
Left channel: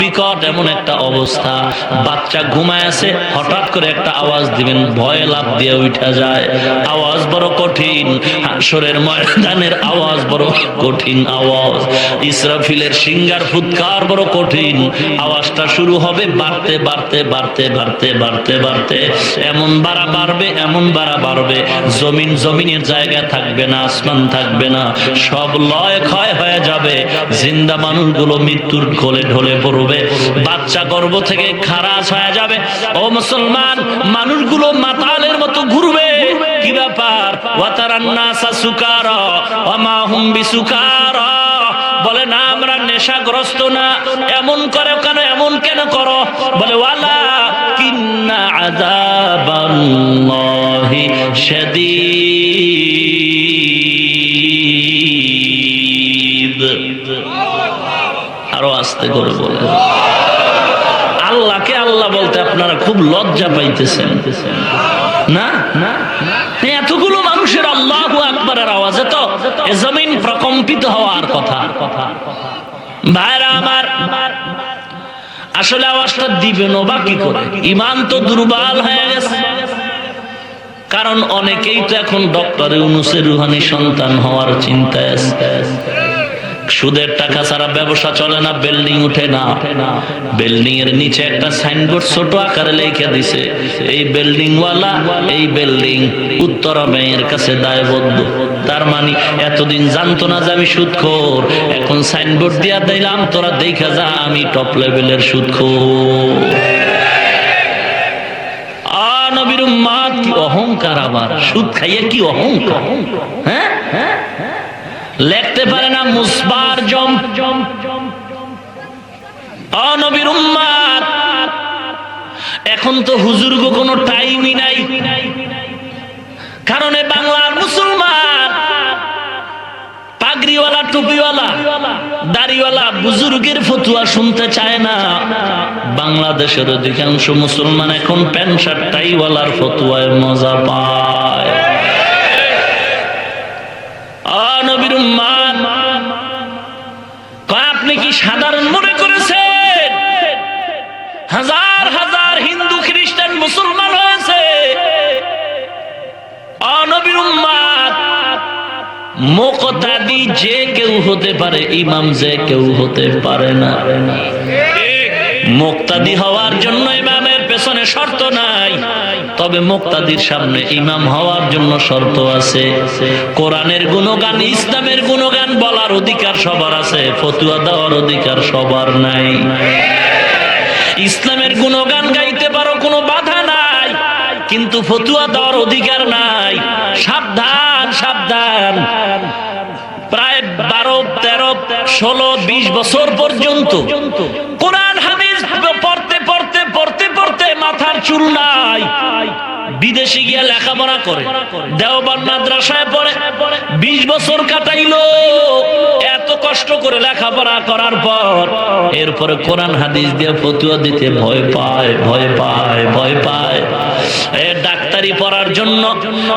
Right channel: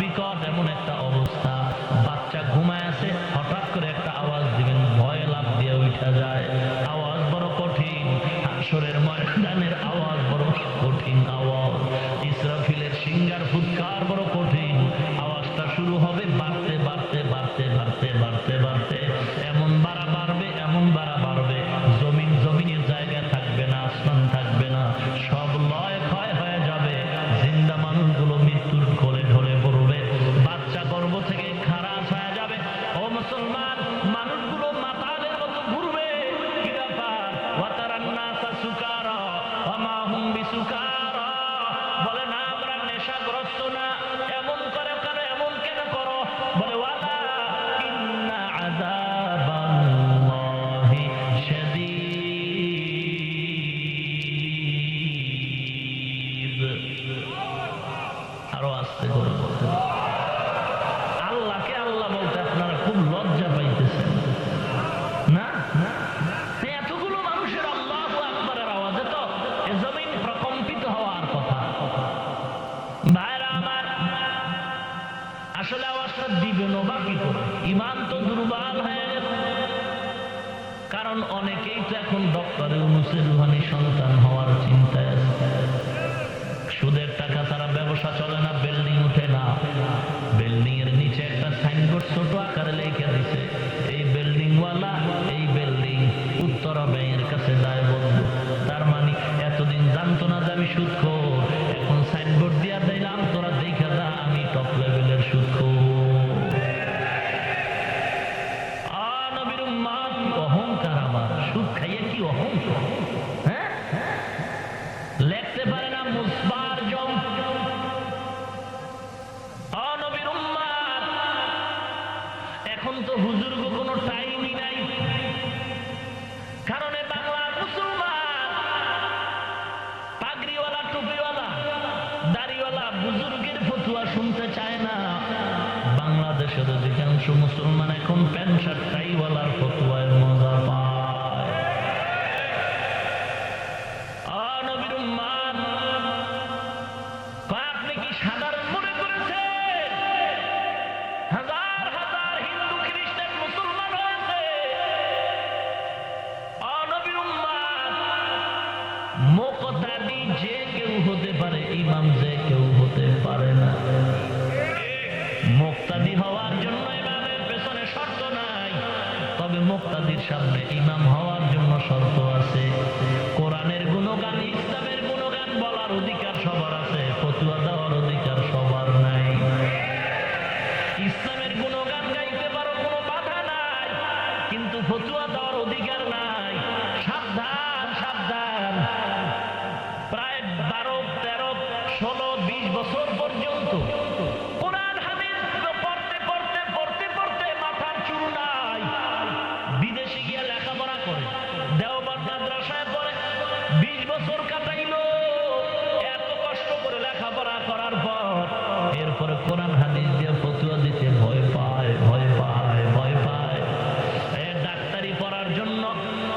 বিকট এমন একটা অবস্থা, বাচ্চা ঘুমায় আছে, হঠাৎ করে একটা আওয়াজ দিবেন, ভয়ে লাফ দিয়ে উঠা যায়। আওয়াজ বড় কঠিন, হাসরের ময়দানের আওয়াজ বড় কঠিন আওয়াজ, ইসরাফিলের সিংহার ফুৎকার বড় কঠিন। আওয়াজটা শুরু হবে বাড়তে বাড়তে বাড়তে বাড়তে বাড়তে বাড়তে এমন বাড়া বাড়বে, এমন বাড়া বাড়বে, জমিনের জায়গা থাকবে না, আসমান থাকবে না, সব লয় ক্ষয় হয়ে যাবে। জিন্দা মানুষগুলো মৃত্যুর কোলে ঢলে পড়বে, বাচ্চা গর্ভ থেকে খারাজ হয়ে যাবে। ও মুসলমান, মানুষগুলো মাতালের মতো ঘুরবে। কি ব্যাপার? ওয়াতারান নাসা সুকারা ওয়া মা হুম বিসুকারা, বলে না আমরা নেশাগ্রস্ত না। এমন করে কেন, এমন কেন করো? বলে ওয়ালা কিন্না আযাবাল্লাহি শাদীদ। আরো আস্তে করে বলে, আল্লাহকে আল্লাহ বলতে আপনারা খুব লজ্জা পাইতেছেন না? এতগুলো মানুষের আল্লাহু আকবারের আওয়াজে তো এ জমিন প্রকম্পিত হওয়ার কথা। ভাইরা আমার, আসলে আওয়াজটা দিবেন বা কি করে? ইমান তো দুর্বল হয়ে গেছে। কারণ অনেকেই তো এখন ডক্টর ইউনূসের রুহানি সন্তান হওয়ার চিন্তায় আছে। সুদের টাকা ছাড়া ব্যবসা চলে না, বিল্ডিং উঠে না। বিল্ডিং এর নিচে একটা সাইনবোর্ড ছোট আকারে লিখে দিছে, এই বিল্ডিং ওয়ালা এই বিল্ডিং উত্তরা ব্যাংকের কাছে দায়বদ্ধ। তার মানে এতদিন জানতো না যে আমি সুদখোর, এখন সাইনবোর্ড দিয়া দিলাম, তোরা দেখা যা আমি টপ লেভেলের সুদখোর। নবীর উম্মত কি অহংকার! আবার সুদ খাইয়ে কি অহংকার! হ্যাঁ, লিখতে পারে না মুসবার জম। নবীর উম্মত, এখন তো হুজুরগো কোনো টাইমই নাই। কারণ বাংলার মুসলমান পাগড়িওয়ালা, টুপিওয়ালা, দাড়িওয়ালা বুজুর্গের ফতুয়া শুনতে চায় না। বাংলাদেশের অধিকাংশ মুসলমান এখন প্যান্ট শার্ট টাইওয়ালার ফতুয়ায় মজা পায়। নবীর উম্মত, আপনি কি সাধারণ মনে করেছেন? হাজার হাজার হিন্দু, খ্রিস্টান, মুসলমান হয়েছে। নবীর উম্মত, মুকতাদি যে কেউ হতে পারে, ইমাম যে কেউ হতে পারে না। মুকতাদি হওয়ার জন্য ইমামের পেছনে শর্ত নাই, তবে মুক্তাদির সামনে ইমাম হওয়ার জন্য শর্ত আছে। কোরআনের গুণগান, ইসলামের গুণগান বলার অধিকার সবার আছে, ফতুয়া দেওয়ার অধিকার সবার নাই। ইসলামের গুণগান গাইতে পারো, কোনো বাধা নাই, কিন্তু ফতুয়া দেওয়ার অধিকার নাই। সাবধান, সাবধান। প্রায় 12, 13, 16, 20 বছর পর্যন্ত কোরআন হাদিস পড়তে পড়তে পড়তে পড়তে মাথার চুল নাই। বিদেশে গিয়ে লেখাপড়া করে, দেওবন্দ মাদ্রাসায় পড়ে 20 বছর কাটাইলো। এত কষ্ট করে লেখাপড়া করার পর এরপরে কোরআন হাদিস দিয়ে ফতুয়া দিতে ভয় পায়, ভয় পায়, ভয় পায়। ডাক্তারি পড়ার জন্য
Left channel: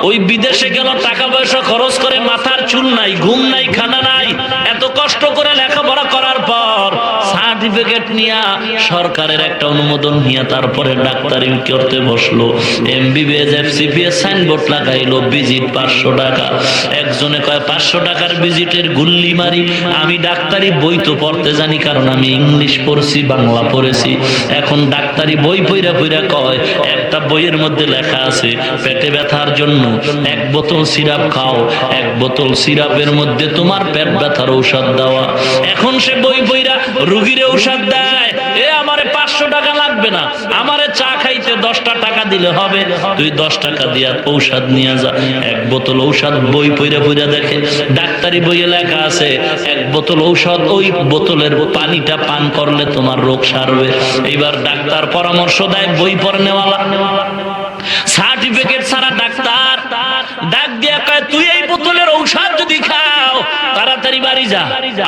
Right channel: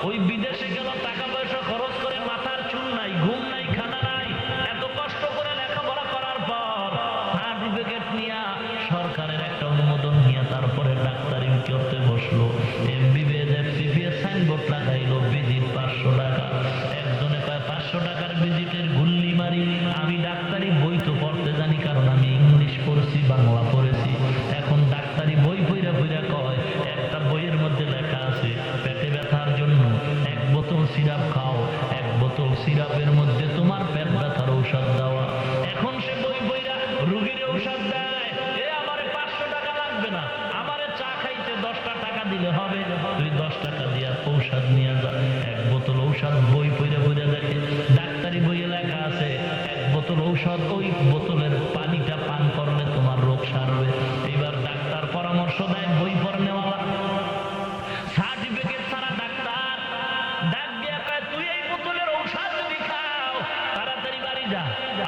ওই বিদেশে গেল, টাকা পয়সা খরচ করে, মাথার চুল নাই, ঘুম নাই, খানা নাই। এত কষ্ট করে লেখাপড়া করার পর সার্টিফিকেট নিয়ে সরকারের একটা অনুমোদন নিয়ে তারপরে ডাক্তারি করতে বসলো। এমবিবিএস, এফসিপিএস সাইনবোর্ড লাগাইলো, ভিজিট 500 টাকা। একজনে কয় 500 টাকার ভিজিটের গুল্লি মারি। আমি ডাক্তারি বই তো পড়তে জানি, কারণ আমি ইংলিশ পড়ছি, বাংলা পড়েছি। এখন ডাক্তারি বই পইরা পইরা কয়, একটা বইয়ের মধ্যে লেখা আছে পেটে ব্যথার জন্য 1 বোতল সিরাপ খাও, 1 বোতল সিরাপের মধ্যে তোমার পেট ব্যথার ঔষধ দেওয়া। এখন সে বই পইরা রুগীরে ঔষধ দেয়। আমারে 500 টাকা লাগবে না, আমারে চা খাইতে 10টা টাকা দিলে হবে, তুই 10 টাকা দিয়া ঔষধ নিয়ে যা। 1 বোতল ঔষধ বই পইরা পইরা দেখে, ডাক্তারি বইয়ে লেখা আছে 1 বোতল ঔষধ, ওই বোতলের পানিটা পান করলে তোমার রোগ সারবে। এবার ডাক্তার পরামর্শ দেয়, বই পড়ে নেওয়ালা, সার্টিফিকেট ছাড়া ডাক্তার ডাক দিয়া কয়, তুই এই বোতলের ঔষধ যদি খাও তাড়াতাড়ি বাড়ি যা,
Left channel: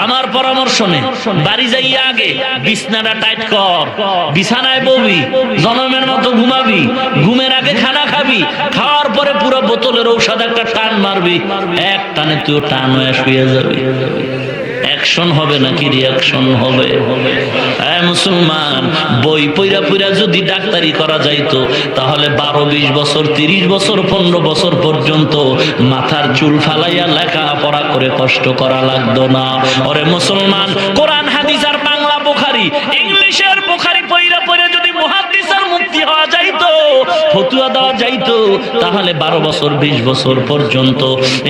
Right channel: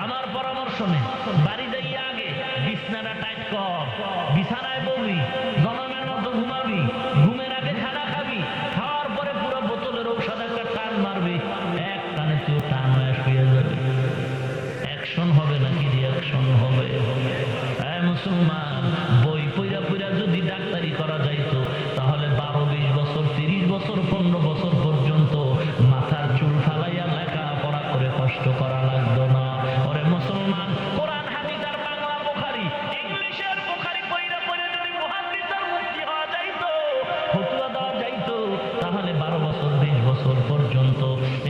আমার পরামর্শ নে। বাড়ি যাইয়া আগে বিছানাটা টাইট কর, বিছানায় ববি, জনমের মতো ঘুমাবি, ঘুমের আগে খানা খাবি, খাওয়ার পরে পুরো বোতলের ঔষধ একটা টান মারবি, এক টানে তুই টান হয়ে শুয়ে যাবি। অ্যাকশন হবে নাকি রিয়াকশন হবে? মুসলমান, বই পইরা পইরা যদি ডাক্তারি করা যাইতো তাহলে 12-20 বছর 30 বছর 15 বছর পর্যন্ত মাথার চুল ফালাইয়া লেখাপড়া করে কষ্ট করা লাগতো না। ওরে মুসলমান, কোরআন হাদিস আর বাংলা বুখারী ইংলিশের বুখারী পইরা পইরা যদি মুহাদ্দিস আর মুফতি হওয়া যাইতো, ফতোয়া দেওয়া যাইতো, তাহলে 12 বছর 20 বছর পর্যন্ত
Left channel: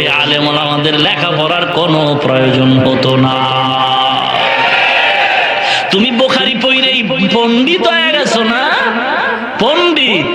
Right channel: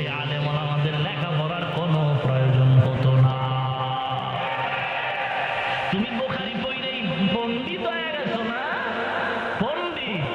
এই আলেম ওলামাদের লেখাপড়ার কোনো প্রয়োজন হতো না। তুমি বুখারী পড়লেই পণ্ডিত হয়ে গেছো না, পণ্ডিত।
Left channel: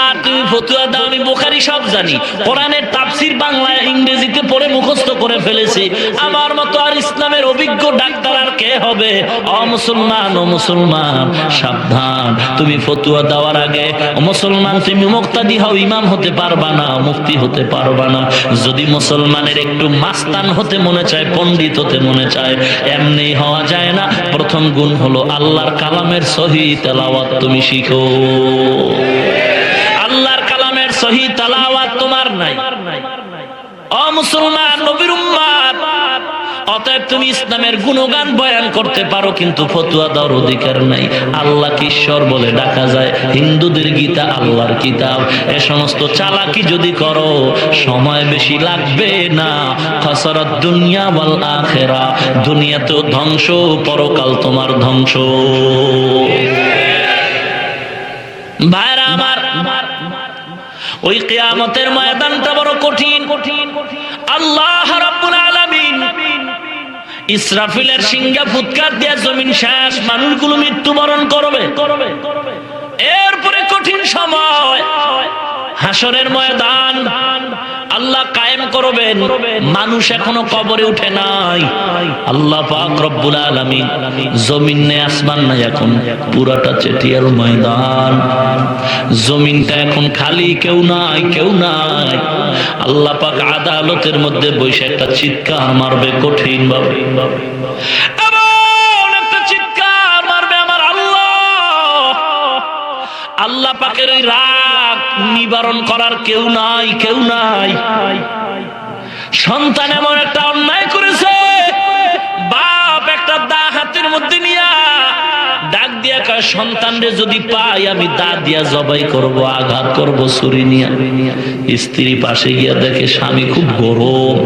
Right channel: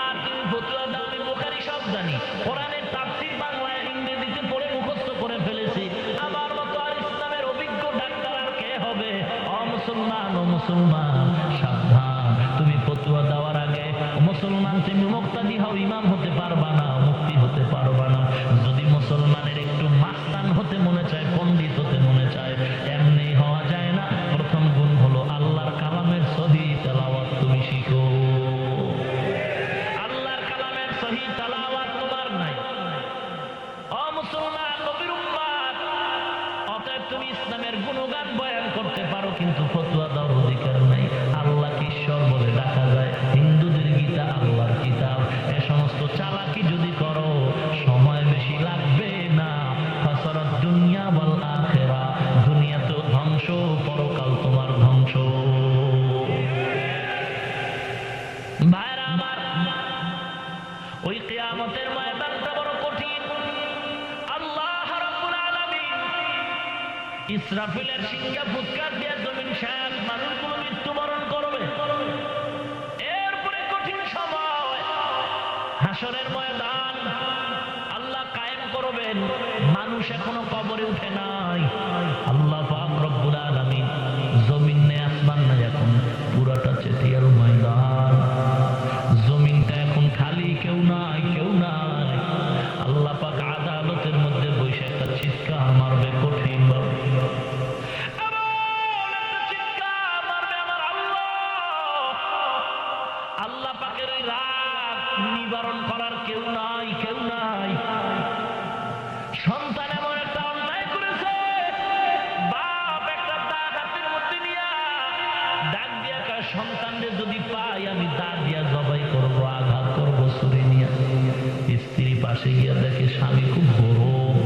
আর তুমি ফতোয়া দাও আমি বুখারী সব জানি, কোরআনের তাফসীর বাংলা ইংরেজিতে পড়ে মুখস্থ করে ফেলেছি, আমার মতো আর ইসলামের অভিজ্ঞ ডাক্তার আর কে হবে? ও মুসলমান, ও মুসলমান, সাবধান। তুমি ফতোয়া দেওয়ার আগে ও মুসলমান তুমি মুক্তাদি হও, ইমাম হতে পারবা না, মুফতি হতে পারবা না। যদি মুসলমানের একটু মাস্তান হতে মনে চায়, পণ্ডিত হতে মনে চায়, এমনি হওয়া যায় না। প্রথম গুণ হলো আল্লাহর কালামের সহি তেলাওয়াত তুমি শিখো। আল্লাহর কালামের সহি তেলাওয়াত তোমার নাই। ও মুসলমান, নবীর উম্মত, অতএব তুমি ইসলামের গুণগান বয়ান করতে পারো, কিন্তু ফতোয়া দেওয়ার অধিকার নাই। আল্লাহকে ঈশ্বর বলে ডাকা যায়, হিন্দুদের গীতা আল্লাহর কিতাব। এ সমস্ত চালাকি যদি করো সময় বেশি লাগবে না। খাসারাত দুনিয়া ওয়াল আখিরা, দুনিয়াতেও ধ্বংস, পরকাল তোমার ধ্বংস। ভাইরা আমার, ওই কিয়ামতের ময়দানটা বড় কঠিন। আল্লাহ রাব্বুল আলামিন ইসরাফিলের সিংহা ফুৎকার দিয়ে জমিন শেষ, মানুষগুলো মৃত্যুবরণ করবে। এরপরে কঠিন সময়, হাসরের ময়দান আল্লাহ কায়েম করবেন। মানুষ এখনো কবরে উঠে নাই। আল্লাহ পাক রব্বুল আলামিন, জমিন নেই আসমান নাই, এখন পুরাটা চেটিয়ার ময়দান, জমিনটা এখন খালি, কেউ নাই, কেউ নাই। আল্লাহ পাক আদালতের মধ্যে বসে একটা চিৎকার মারবে কঠিন ভাবে, এমন একটা চিৎকার মারবে আমার আল্লাহ। আল্লাহ পাকের ওই রাগ নিবারণ করার কেউ নাই, কেউ নাই। সন্তান এমন একটা অন্যায় করেছে, বাপ একটা দা হাতের মধ্যে নিয়া ডাক দিয়া কয়, সন্তানরে যদি পাই আমি দা দিয়া জবাই করব, আঘাত করব ছুরি নিয়া। স্ত্রী পাশে গিয়া দেখে স্বামী খুব গরম,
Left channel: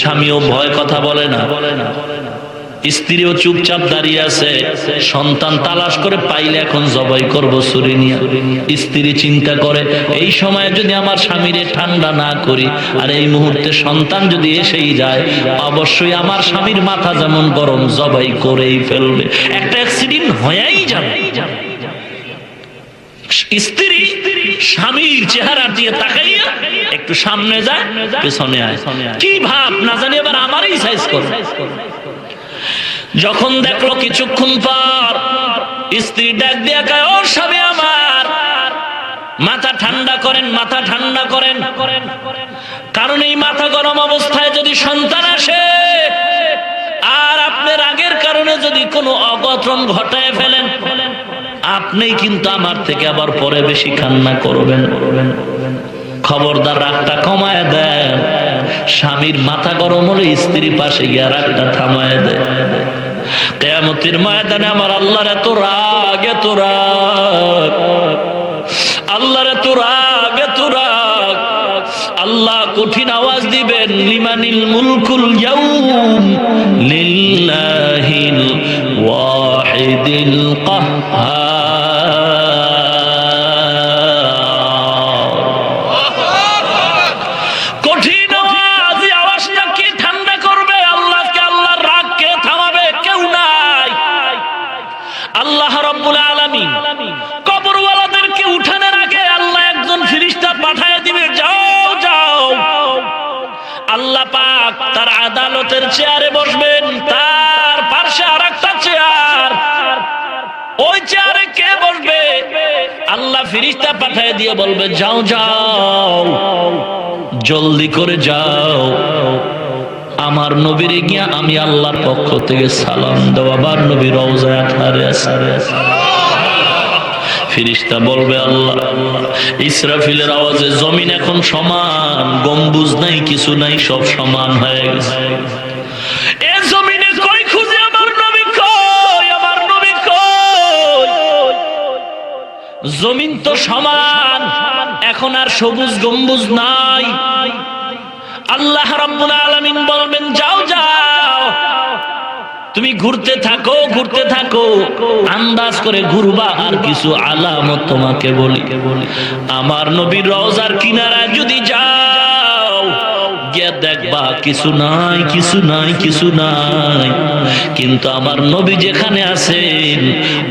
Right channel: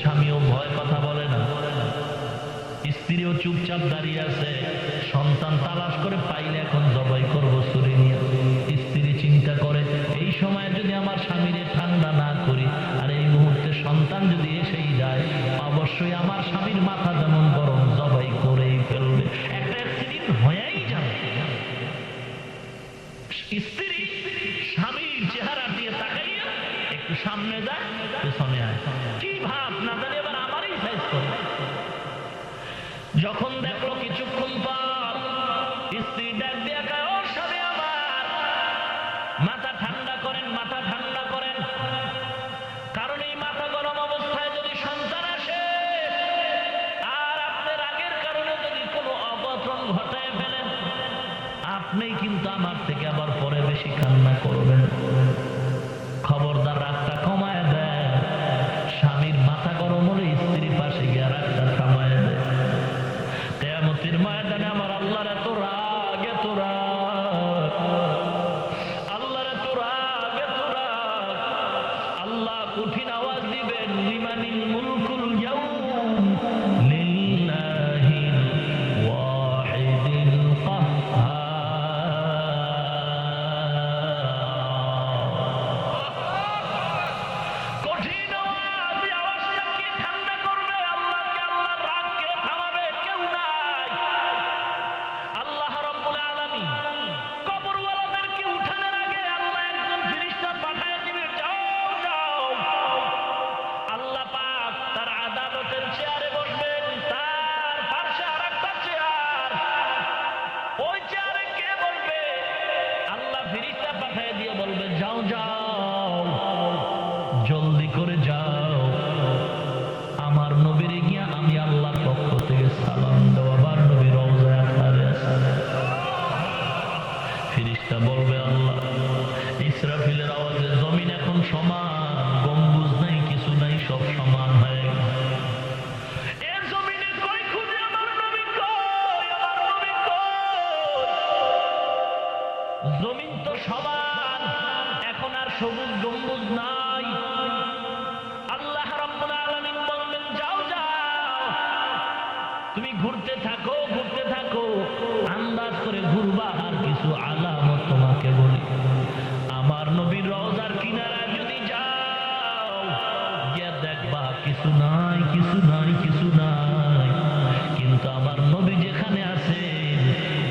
স্বামীও ভয় কথা বলে না, স্ত্রীও চুপচাপ দাঁড়িয়ে আছে। সন্তান তালাশ করে পাইলে এখন জবাই করব ছুরি নিয়ে। স্ত্রী চিন্তা করে, এই সময় যদি আমার স্বামীরে ঠান্ডা না করি, আর এই মুহূর্তে সন্তান যদি এসেই যায়, অবশ্যই আমার স্বামীর মাথা যেমন গরম, জবাই করেই ফেলবে, একটা অ্যাক্সিডেন্ট হয়েই যাবে। স্ত্রী স্বামীর চেহারা দিয়ে তাকাইয়া একটু সামনে যায়, পেছনে আয়, কি ভাব না জানি এবার আমারই সাইজ করে। যখন দেখলো কিছুক্ষণ পর স্ত্রী ডাক দিয়া কয়, ও স্বামী আমার, মাথা ঠান্ডা করেন, মাথা ঠান্ডা করেন। কারণ এই মাথা গরম অবস্থায় যদি সন্তান আসে আর আপনি রাগের কারণে যদি কোনো অঘটন ঘটায় ফেলেন, আপনিই কিন্তু আমার থেকে আবার পরে বেশি কান্না করবেন। খবরদার রাগটা কমায় দেন। স্বামীর মাথা গরম হলে স্ত্রী পাশে গিয়ে রাগটা থামায় দেয়। কিয়ামতের ময়দানে আমার আল্লাহর এত রাগ, এত রাগ, আল্লাহর এত রাগ, এত রাগ। আল্লাহ কঠিন আওয়াজ দিবেন, লিমানিল মুলকুল ইয়াউম লিল্লাহিল ওয়াহিদিল কাহ্হার। আদালতের চেয়ারে বসবেন, তার পাশে আরেকটা চেয়ার, ওই চেয়ারে কে বসবে? আল্লাহ ফেরেশতা পাঠিয়ে দিয়ে বলবে, যাও যাও, জলদি করে যাও, আমার নবীরে গিয়া আমি আল্লাহর পক্ষ থেকে সালাম দেওয়া। আবার নবী রওজায় আথারে আছে। ফেরেশতা বলবে, আল্লাহ, ইসরাফিলের আওয়াজে জমিন এখন সমান, গম্বুজ নাই, কিছু নাই, সব সমান হয়ে গেছে। এ জমিনে কয় জমিন তো সমান, এখন আর সবুজ গম্বুজ নাই। আল্লাহ রাব্বুল আলামিন বলবেন যাও যাও, তুমি ঘুরতে থাকো ঘুরতে থাকো, আন্দাজ করে ঘুরবা। আর কিছু আলামত তোমাকে বলি, আমার নবীর রওজার কিনারায় যদি যাও, গিয়ে দেখবা কিছু নাই কিছু নাই কিছু নাই, কিন্তু আমার নবী যেখানে আছেন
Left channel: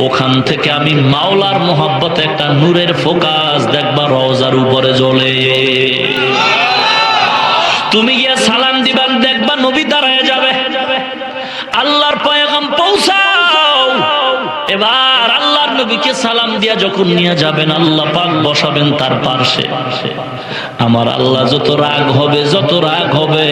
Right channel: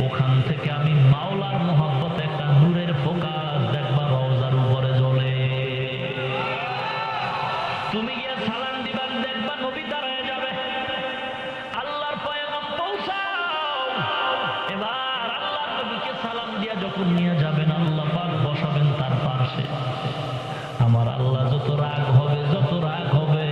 ওখান থেকে আমি মাওলার মোহাব্বতে একটা নূরের ফোকাস দেখবা রওজার উপরে জ্বলে। তুমি গিয়ে সালাম দিবান, দেখবা নবী দাঁড়ায় যাবে, আল্লাহর পয়গাম পৌঁছাও। এবার আল্লাহর নবীকে সালাম দিয়া যখন নিয়ে যাবেন, আল্লাহ পাক বসাবেন তার পাশে। আমার আল্লাহ যত রাগ হবে, যত রাগ হবে,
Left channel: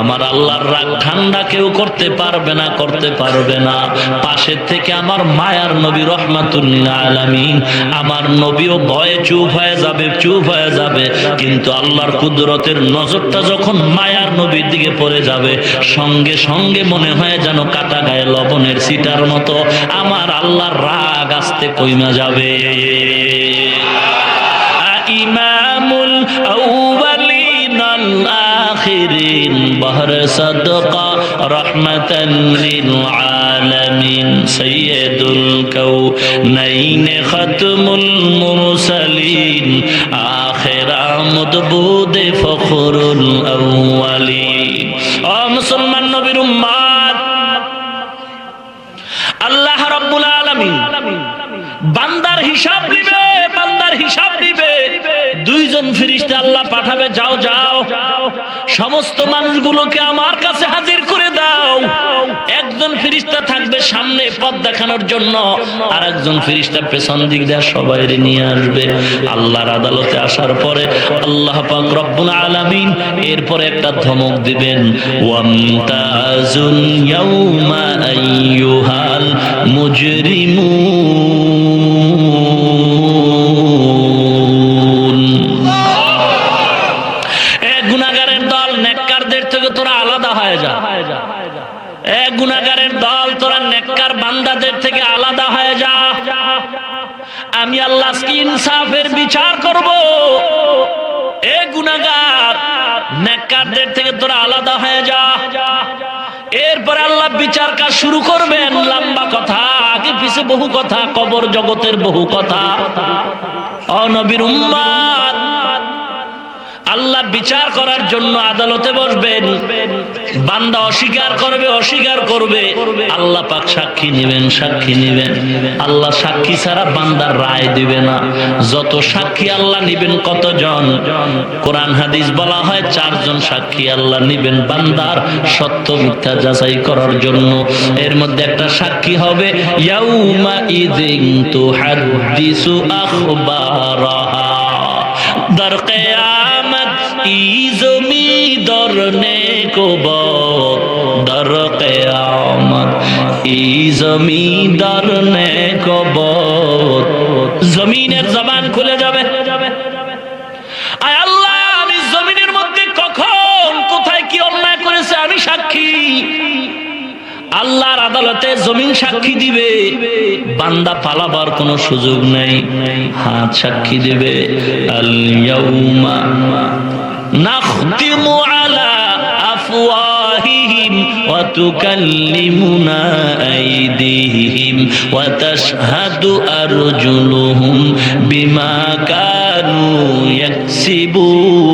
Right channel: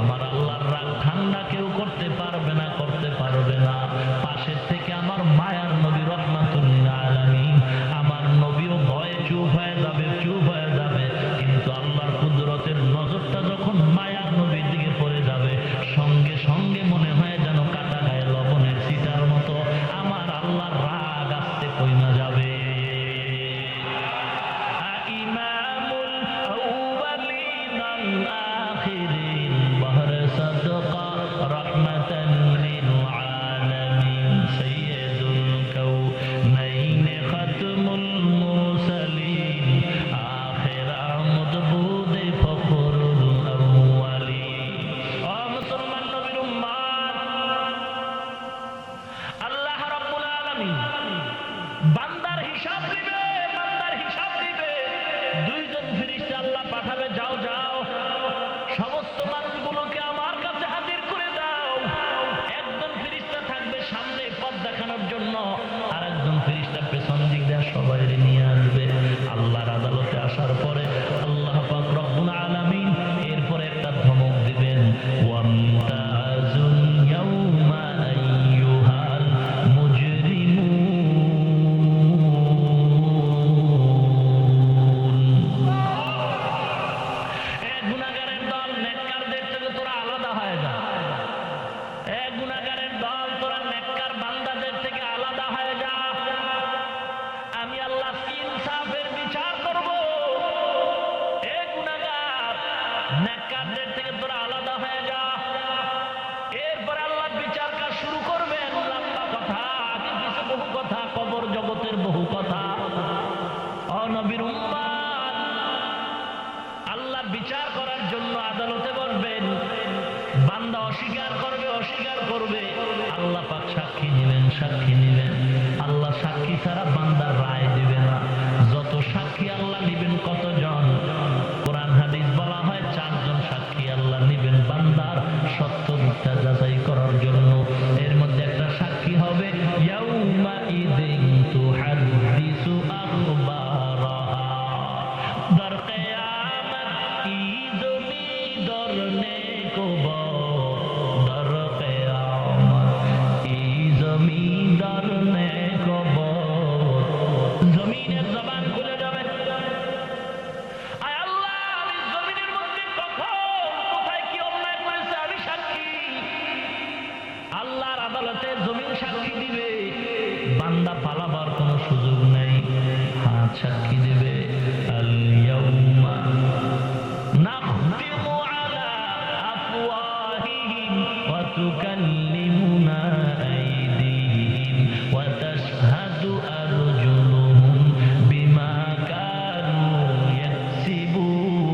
আমার আল্লাহর রাগ ঠান্ডা কেউ করতে পারবে না, করতে পারবে না। পাশের থেকে আমার মায়ার নবী রহমাতুল লিল আলামিন, আমার নবীও ভয়ে চুপ হয়ে যাবে, চুপ হয়ে যাবে। কিন্তু আল্লাহর কুদরতের নজরটা যখন মায়ার নবীর দিকে পড়ে যাবে, সঙ্গে সঙ্গে মনে হয় যেন কাটা গায়ে লবণের ছিটার মতো আমার আল্লাহর রাগ আস্তে কইমা যাবে। ইমামুল আউয়ালিন আল আখিরিন বহর সাদকা রহমাতান লিল আলামিন সাইয়্যিদুল কাউনাইন খাতমুল মুরসালিন আখির আমদ বুদে ফখরুল আউয়ালিন। ও মুসলমান নবীর উম্মত, আল্লাহ রাব্বুল আলামিন বান্দার হিসাব নিবে, বান্দার হিসাব নিবে। দুইজন ফেরেশতা আল্লাহ পাঠাবে, যাও যাও সমস্ত মানুষগুলোকে আমার কাছে হাজির করে দাও। একজন ফেরেশতা থাকবে সামনে পথ দেখানোর জন্য, আর একজন ফেরেশতা পেছন দিক দিয়ে সবাইরে নিয়ে আসবে। আল্লাহর আদালতে আসার পরে আল্লাহ পাক রব্বুল আলামিন এরপরে একটা ধমক দিবেন, ওয়ামতাজুল ইয়াউমা আইয়ুহাল মুজরিমুন। এ গুনাহগারের দল, নেককারদের থেকে তোরা আলাদা হয়ে যা। এ গুনাহগারের দল, তোরা নেককার বান্দাদের থেকে আলাদা হয়ে যা। আমি আল্লাহ আজকে ইনসাফের বিচার করব। এ গুনাহগার, নেককারদের থেকে তোরা আলাদা হয়ে যা। এরপরে আল্লাহ বিচার কাজ শুরু করবেন। লম্বা কথা, আগে পিছে বহু কথা, কবর জগতের বহু কথা। ও নবীর উম্মত, আল্লাহ বিচার করার জন্য আদালতে বসবেন। বান্দা অস্বীকার করবে, অস্বীকার করবে, আল্লাহ পাক সাক্ষী নেবেন, সাক্ষী নেবেন। আল্লাহ সাক্ষী ছাড়া বান্দার রায় দিবে না। যত সাক্ষী আল্লাহ নিবেন, কতজন? কোরআন হাদিস বলা হয় 4 জন সাক্ষী আল্লাহ নিবেন বান্দার সত্য মিথ্যা যাচাই করার জন্য। এর মধ্যে একটা সাক্ষী হবে ইয়াউমা ইযিন তুহাদ্দিসু আখবারাহা, দার কিয়ামত ই জমি দরনে কো বত, দার কিয়ামত ই জমি দরনে কো বত। জমিনের জবান খুলে যাবে। আয় আল্লাহ, আমি জমিনের মধ্যে কখন কোথায় কি অন্যায় করেছে আমি সাক্ষী। আল্লাহর আদালতে জমিন সাক্ষী দিবে, বান্দা পালাবার কোনো সুযোগ নেই। হাত সাক্ষী দিবে, আল ইয়াউমা নাখতিমু আলা আফওয়াহিহিম ওয়া তুকাল্লিমুনা আইদিহিম ওয়া তাশহাদু আরজুলুহুম বিমা কানু ইয়াকসিবুন।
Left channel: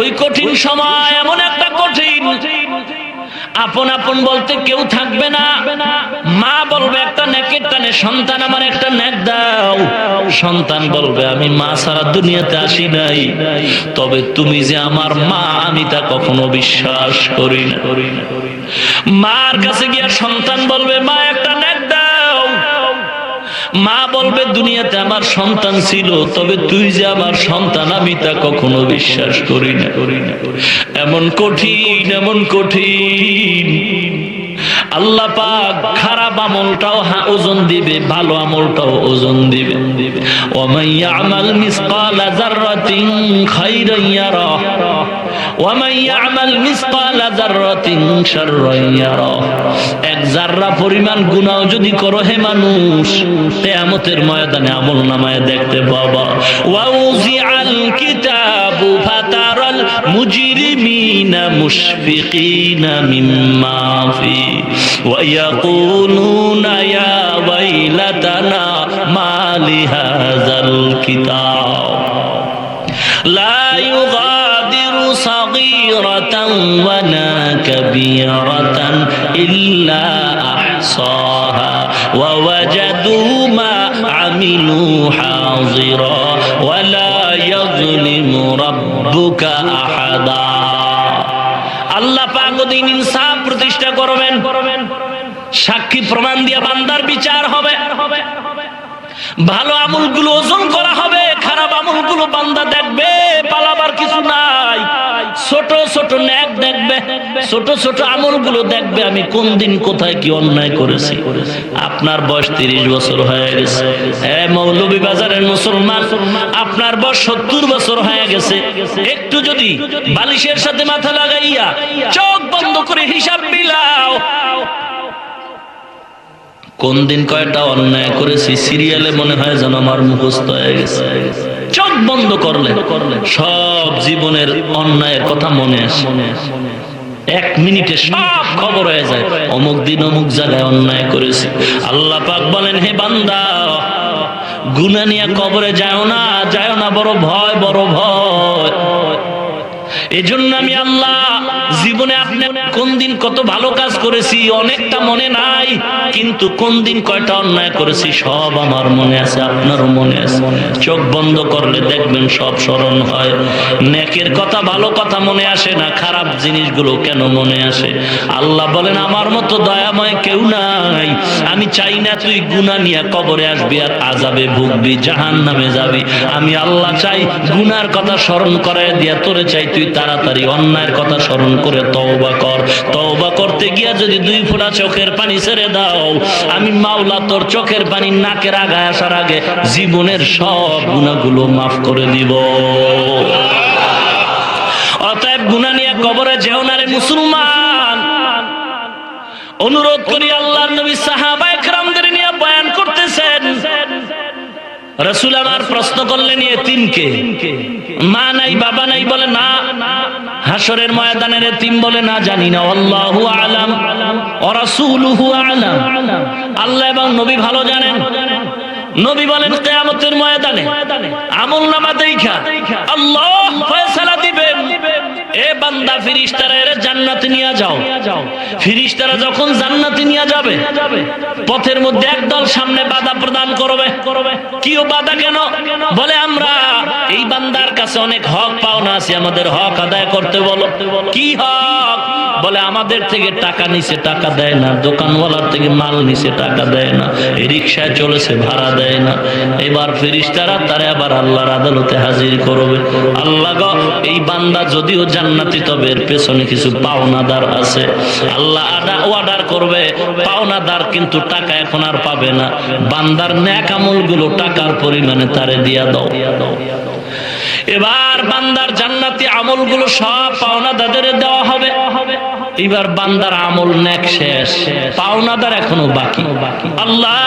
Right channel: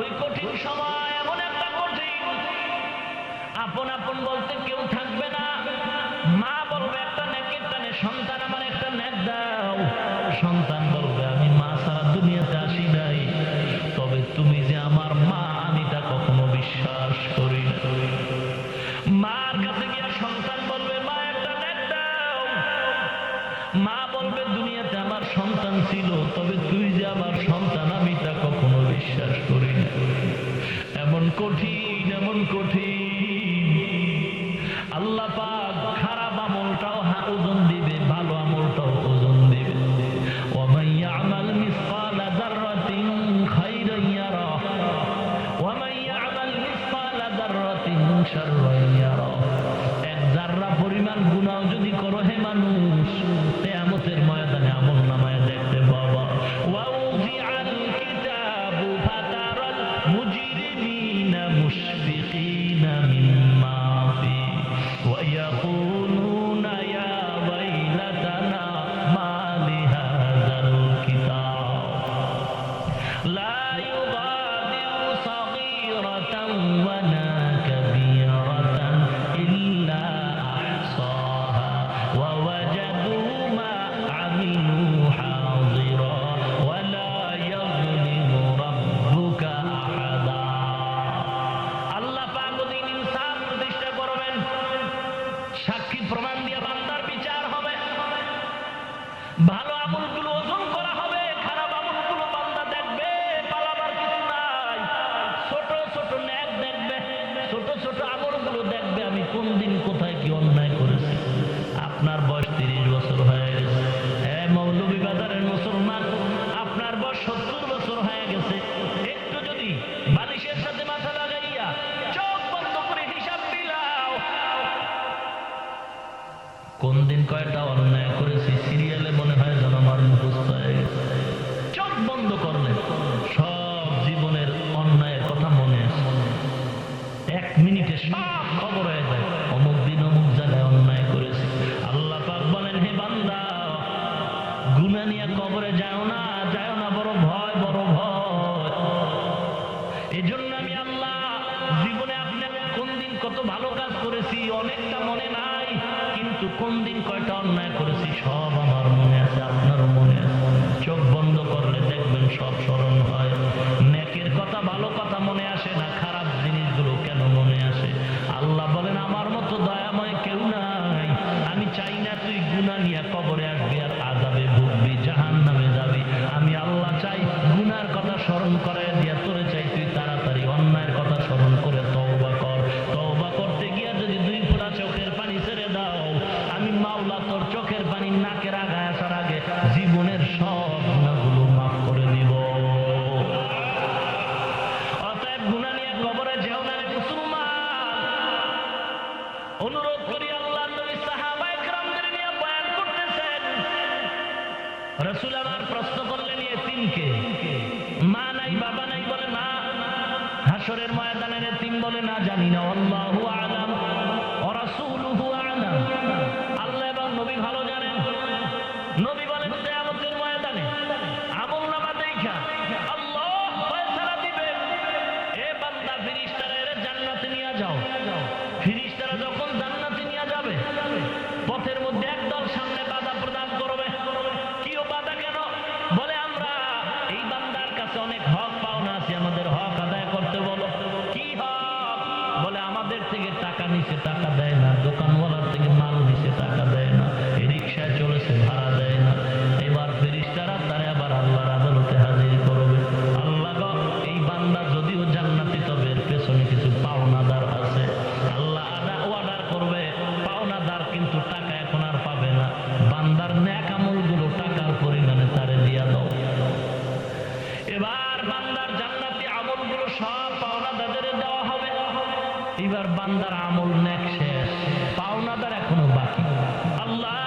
ওই কঠিন সময়, এমন একটা কঠিন, আপন আপন বলতে কেউ থাকবে না। মা বলবে একটা নেকের টানে, সন্তান আমার একটা নেক দাও। সন্তান বলবে আমি মা ছাড়া দুনিয়াতে আসি নাই, তবে তুমি যে আমার মা আমি তা কখনো বিশ্বাস করি না। মার কাছে গিয়ে সন্তান বলবে মা একটা নেক দাও। মা বলবে দুনিয়াতে আমার সন্তান ছিল, তবে তুই যে আমার সন্তান আমি তা কখনো বিশ্বাস করি না। এমন কঠিন, এমন কঠিন। আল্লাহ পাক খারাপ আমলটাও ওজন দিবে, ভালো আমলটাও ওজন দিবে। ওয়া মান ইয়ামাল মিসকালা যাররাতিন খাইরান ইয়ারা ওয়ামান ইয়ামাল মিসকালা যাররাতিন শাররান ইয়ারা, এক যাররা পরিমাণ গুনাহ যদি করো হে মানুষ, কিয়ামতের ময়দানে আমলনামায় দেখতে পাবা। ওয়া উযিআল কিতাবু ফাতারাল মুজরিমিনা মুশফিকিনা মিম্মা ফি ওয়া ইয়াকুলুনা ইয়া ওয়াইলাতানা মা লিহাযাল কিতাব লা ইউগাদিরু সাগীরাতান ওয়ালা কাবীরাতান ইল্লা আহসাহা ওয়া ওয়াজাদু মা আমিলু হাযিরা ওয়ালা ইয়াযলিমু রাব্বুকা আহাদা। আল্লাহ পাক দিন ইনসাফ প্রতিষ্ঠা করবেন, সাক্ষী প্রমাণ দিয়ে বান্দার বিচার হবে, ভালো আমলগুলো ওজন করা হবে, খারাপ আমলগুলো বান্দা দেখবে, পালাবার কিছু নাই। ছোট ছোট নেক দেখবে, ছোট ছোট আমলগুলো দেখবে, আমি কোন দিন কোথায় কি অন্যায় করেছি। আপনার বয়স 30 বছর হয়ে গেছে, মৌলভীবাজারের মুসলমান, আপনার বয়স 70 বছর হয়ে গেছে। একটু যদি বালিশের সাথে মাথা লাগাইয়া চোখ বন্ধ করে হিসাব মিলাও, কোন দিন কয়টা অন্যায় করেছি সিরিয়ালে মনে হয় যেন আমার মুখস্থ হয়ে গেছে। চোখ বন্ধ করলে সব জীবনের অন্যায়ের কথা মনে আসে, 1 মিনিটে সব খবর হয়ে যায়, অমুক দিন অমুক জায়গায় অন্যায় করেছি। আল্লাহ পাক বলেন, হে বান্দা, গুনাহ নিয়ে কবরে যাও না, যাও না, বড় ভয়, বড় ভয়। এজন্য আমি আল্লাহ জীবনে আপনি কোন দিন কত ভালো কাজ করেছি অনেকটা মনে নাই, কিন্তু কোন দিন কয়টা অন্যায় করেছি সব আমার মনে আছে, আপনারও মনে আছে। চোখ বন্ধ করলে দেখবেন সব স্মরণ হয়। নেকের কথা, ভালো কথা মনে আসে না, খারাপ জিনিসগুলো কেন মনে আসে? আল্লাহ বলেন, আমার মতো দয়াময় কেউ নাই। আমি চাই না তুই গুনাহ নিয়ে কবরে আসবি আর আযাবে ভুগবি, জাহান্নামে যাবি। আমি আল্লাহ চাই গুনার কথা স্মরণ করায় দিয়া তোরে চাই তুই তাড়াতাড়ি অন্যায়ের কথা স্মরণ করে তওবা কর। তওবা করতে গিয়া যদি 2 ফোঁটা চোখের পানি ছেড়ে দাও, আমি মাওলা তোর চোখের পানি নাকের আগায় আসার আগে জীবনের সব গুনাহগুলো মাফ করে দিব। অতএব গুনাহ নিয়ে কবরে যেও না রে মুসলমান। অনুরোধ করি, আল্লাহর নবী সাহাবায়ে কেরামদের নিয়ে বয়ান করতেছেন। রাসূল আমার প্রশ্ন করলেন, এতিমকে মা নাই বাবা নাই? বলে না। হাসরের ময়দানের এতিম? বলে না, জানি না। আল্লাহু আলাম ওয়া রাসূলুহু আলাম, আল্লাহ এবং নবী ভালো জানেন। নবী বলেন, কিয়ামতের ময়দানে আমলনামা দেইখা আল্লাহ ফয়সালা দিবেন, এ বান্দা ফেরেশতারা এর জান্নাতে নিয়ে যাও। ফেরেশতারা যখন জান্নাতে নিয়ে যাবে, পথের মধ্যে একদল সামনে বাধা প্রদান করবে। কিও বাধা কেন? বলে, আমরা এই বান্দার কাছে অনেক হক পাওনা আছে, আমাদের হক আদায় করতে বলো। কি হক? বলে, আমাদের থেকে টাকা নিছে, টাকা দেয় না। দোকানওয়ালার থেকে মাল নিছে, টাকা দেয় না। এই রিকশায় চলেছে, ভাড়া দেয় না। এবার ফেরেশতারা তারে আবার আল্লাহর আদালতে হাজির করবে। আল্লাহ গো, এই বান্দা যদিও জান্নাতি, তবে এর পেছনে কিছু পাওনাদার আছে। আল্লাহ অর্ডার করবে, পাওনাদার কিন্তু টাকা এখন আর পাবে না। বান্দার নেক আমলগুলো টাকার পরিমাণে তারে দিয়া দাও। এবার বান্দার জান্নাতি আমলগুলো সব পাওনাদারদের দেওয়া হবে। এবার বান্দার আমল নেক শেষ, পাওনাদার এখনো বাকি। আল্লাহ,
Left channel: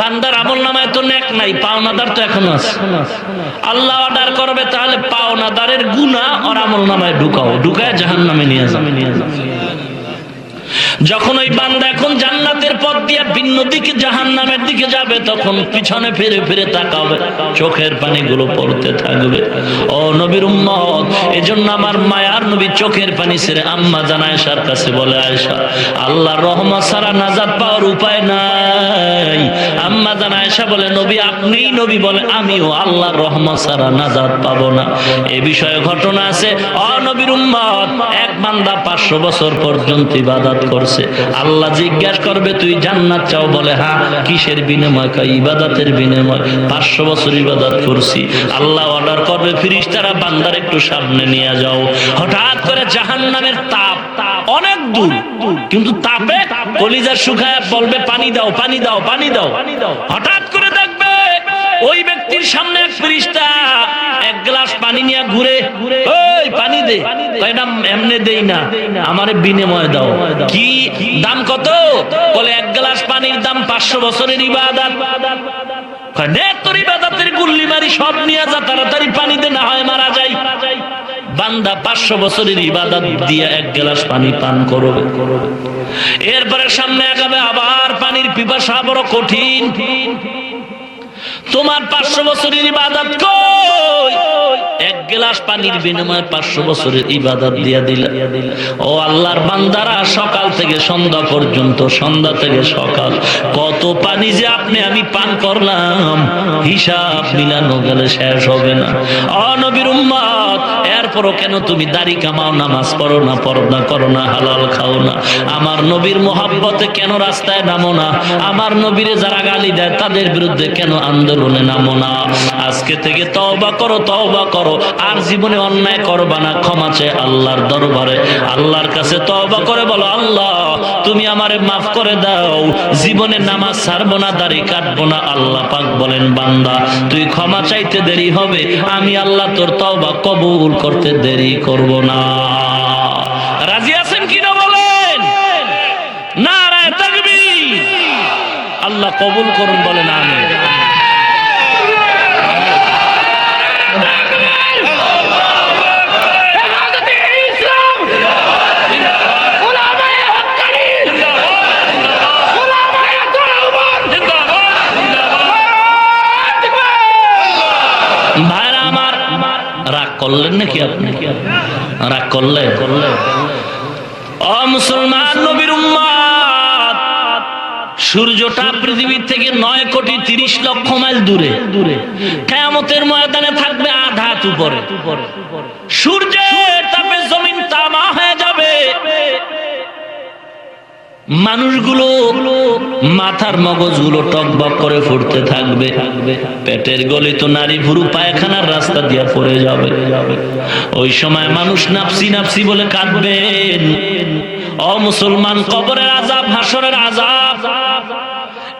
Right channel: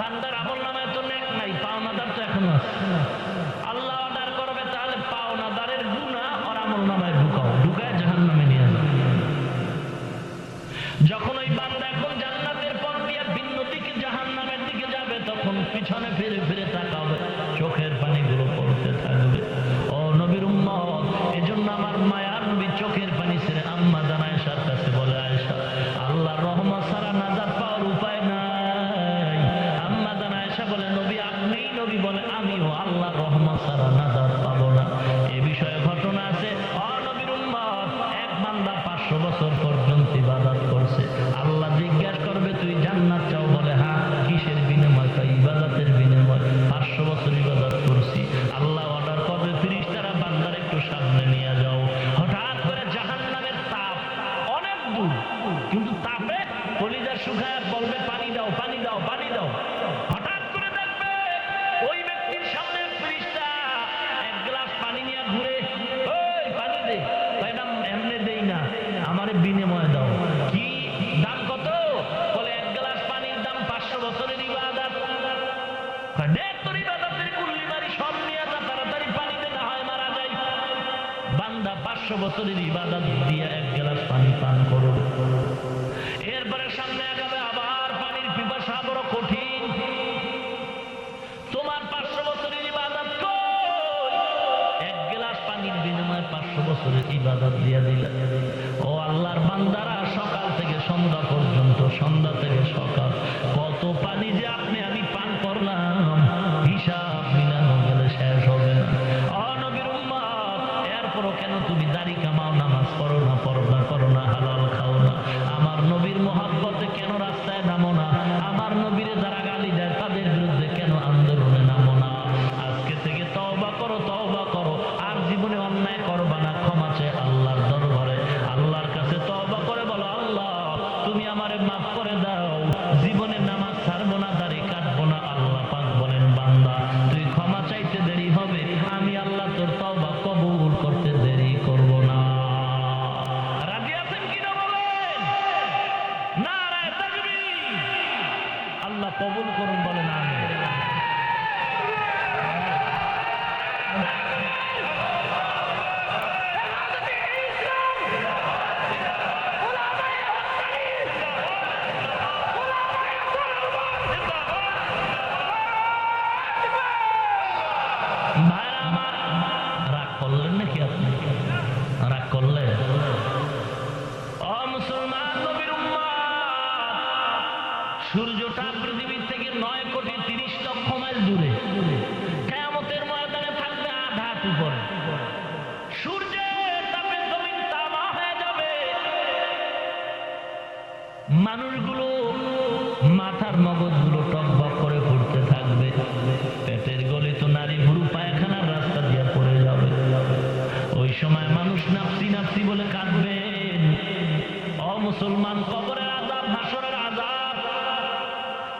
বান্দার আমল নামায় তো নেক নাই, পাওনাদার তো এখনো আছে। আল্লাহ অর্ডার করবে, তাহলে পাওনাদারের গুনাহ আর আমল নামায় ঢুকাও, ঢুকায় জাহান্নামে নিয়ে যাও। যখন ওই বান্দা এখন জান্নাতের পথ দিয়ে ভিন্ন দিকে জাহান্নামের দিকে যাবে, তখন পিছনে ফিরে ফিরে তাকাবে, চোখের পানিগুলো পড়তে থাকবে। ও নবীর উম্মত, এজন্য আমার মায়ার নবী চোখের পানি ছেড়ে আম্মা জান আয়েশার কাছে বলে, আয়েশা, আল্লাহর রহমত ছাড়া নাজাত পাওয়ার উপায় নাই। আম্মা জান আয়েশা বলে, নবী আপনিই নবী? বলে, আমিও আল্লাহর রহমত ছাড়া নাজাত পাবো না। এ বিষয়ে ঘটনা আছে। ও নবীর উম্মত, এক বান্দা 500 বছর পর্যন্ত ইবাদত করছে। আল্লাহ জিজ্ঞাসা করবে, তুই জান্নাত চাও? বলে, হ্যাঁ। কিসের বিনিময়? ইবাদতের বিনিময়। 500 বছর ইবাদত করছি। আল্লাহ অর্ডার করবে, ফেরেশতারা বান্দার একটু সামনে নিয়ে যাও। হঠাৎ করে জাহান্নামের তাপ অনেক দূর, কিন্তু তাপে কলিজা শুকায় বলবে, পানি দাও, পানি দাও, পানি দাও। হঠাৎ করে দেখবে ওই ব্যক্তির সামনে এক ফেরেশতা এক গ্লাস পানি নিয়ে ঘুরে, ওই পানি দে, দে, এটা এমনি দেই না, আমারে বিনিময় দাও। কি দাম কত? বলে এক গ্লাস পানির দাম 500 বছরের ইবাদত। দে তোর ইবাদতের গুল্লি মারি সব নিয়ে যা, তাড়াতাড়ি পানি দে, না হয় মারা যাই। বান্দা 500 বছরের ইবাদত দিয়ে এক গ্লাস পানি পান করবে। এরপরে সামনে আগাবে, আবার পানির পিপাসা বড় কঠিন। তোমার 500 বছরের ইবাদত কই? এক গ্লাস পানির বিনিময়ে 500 বছরের ইবাদত দিয়া দিল। ও আল্লাহর বান্দারা, সকাল থেকে সন্ধ্যা পর্যন্ত, সন্ধ্যা থেকে সকাল, কত পানি যে আপনি আমি পান করলাম, হিসাব মিলানো গেলে শেষ হবে না। ও নবীর উম্মত, এরপরও কেন তুমি দাড়ি কামাও, নামাজ পড়ো না, পর্দা করো না, হালাল খাও না? আমার নবীর মোহাব্বতে কেন রাস্তায় নামো না? আমার নবীরে যারা গালি দেয় তাদের বিরুদ্ধে কেন আন্দোলনে নামো না? আজকে থেকে তওবা করো, তওবা করো, আর জীবনে অন্যায় করবা না। ক্ষমা চেয়ে আল্লাহর দরবারে, আল্লাহর কাছে তওবা করে বলো, আল্লাহ তুমি আমারে মাফ করে দাও, জীবনে নামাজ ছাড়বো না, দাড়ি কাটবো না। আল্লাহ পাক বলেন, বান্দা তুই ক্ষমা চাইতে দেরি হবে, আমি আল্লাহ তোর তওবা কবুল করতে দেরি করব না। রাজি আছেন কিনা বলেন? নারায়ে তাকবীর। আল্লাহ কবুল করুন, বলেন আমিন। ভাইরা আমার, রাগ করলেন নাকি আপনি? রাগ করলেন? ও মুসলমান নবীর উম্মত, সূর্যটা পৃথিবীর থেকে 9,30,00,000 মাইল দূরে। কিয়ামতের ময়দানে থাকবে আধা হাত উপরে। সূর্যের তাপে জমিন তামা হয়ে যাবে। মানুষগুলো মাথার মগজগুলো টকবক করে ফুটতে থাকবে। পেটের গলিত নারী ভুরু পায়খানার রাস্তা দিয়ে পড়ে যাবে। ওই সময় মানুষ নাফসি নাফসি বলে কাঁদবেন। ও মুসলমান, কবরের আযাব, হাসরের আযাব,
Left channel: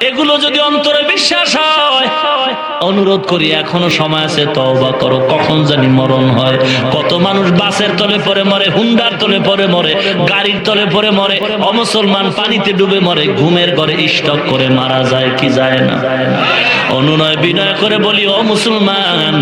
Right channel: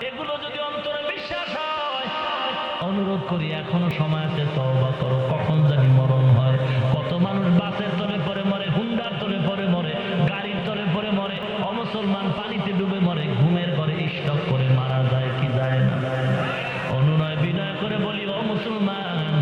এগুলো যদি অন্তরে বিশ্বাস হয়, অনুরোধ করি এখনো সময় আছে, তওবা করো। কখন জানি মরণ হয়। কত মানুষ বাসের তলে পড়ে মরে, হুন্ডার তলে পড়ে মরে, গাড়ির তলে পড়ে মরে। ও মুসলমান, পানিতে ডুবে মরে, ঘুমের ঘরে স্ট্রোক করে মারা যায় কি যায় না? অনুনয় বিনয় করে বলি, ও মুসলমান,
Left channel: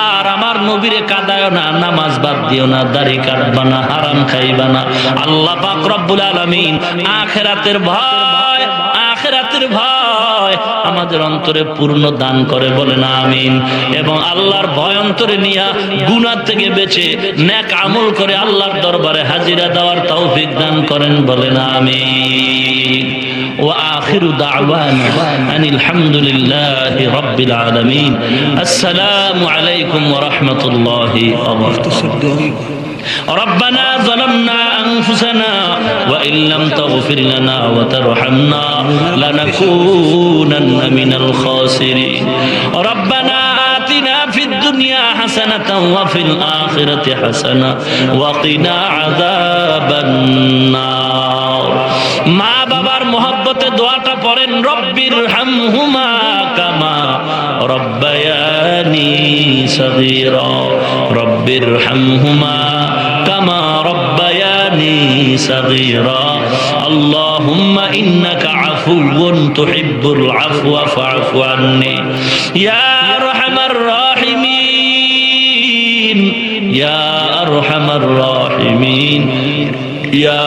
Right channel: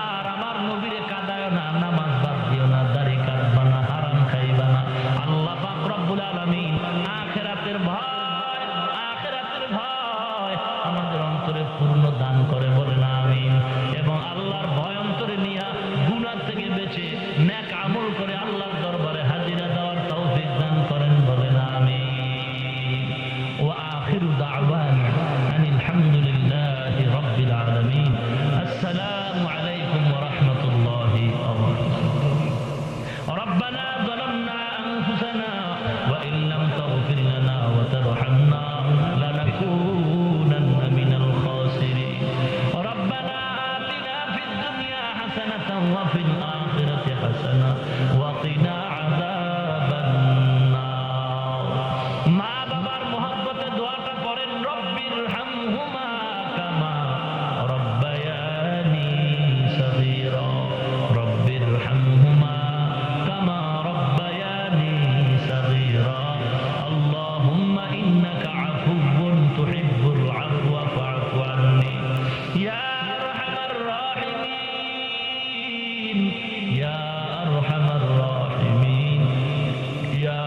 আর আমার নবীরে কাঁদায় না, নামাজ বাদ দিও না, দাড়ি কাটবা না, হারাম খাইবা না। আল্লাহ পাক রব্বুল আলামিন আখিরাতের ভয়, আখিরাতের ভয় আমাদের অন্তরে পূর্ণ দান করে, বলেন আমিন। এবং আল্লাহর ভয় অন্তরে নিয়া গুনাহ থেকে বেঁচে নেক আমল করে আল্লাহর দরবারে হাজিরা দেওয়ার তৌফিক দান করেন, বলেন আমিন। وآخر دعوانا أن الحمد لله رب العالمين. السلام عليكم ورحمة الله وبركاته. ربنا ظلمنا أنفسنا وإن لم تغفر لنا وترحمنا لنكونن من الخاسرين. ربنا آتنا في الدنيا حسنة وفي الآخرة حسنة وقنا عذاب النار. মা বাবার মহব্বতে দোয়াটা পড়েন, রব্বির হামহুমা কামা রব্বায়ানি সগীরা, রব্বির হামহুমা কামা রব্বায়ানি সগীরা। আল্লাহুম্মা ইন্নাকা আফুউন তুহিব্বুল আফওয়া ফা'ফু আন্নি ইয়া আরহামার রাহিমিন, ইয়া আরহামার রাহিমিন, ইয়া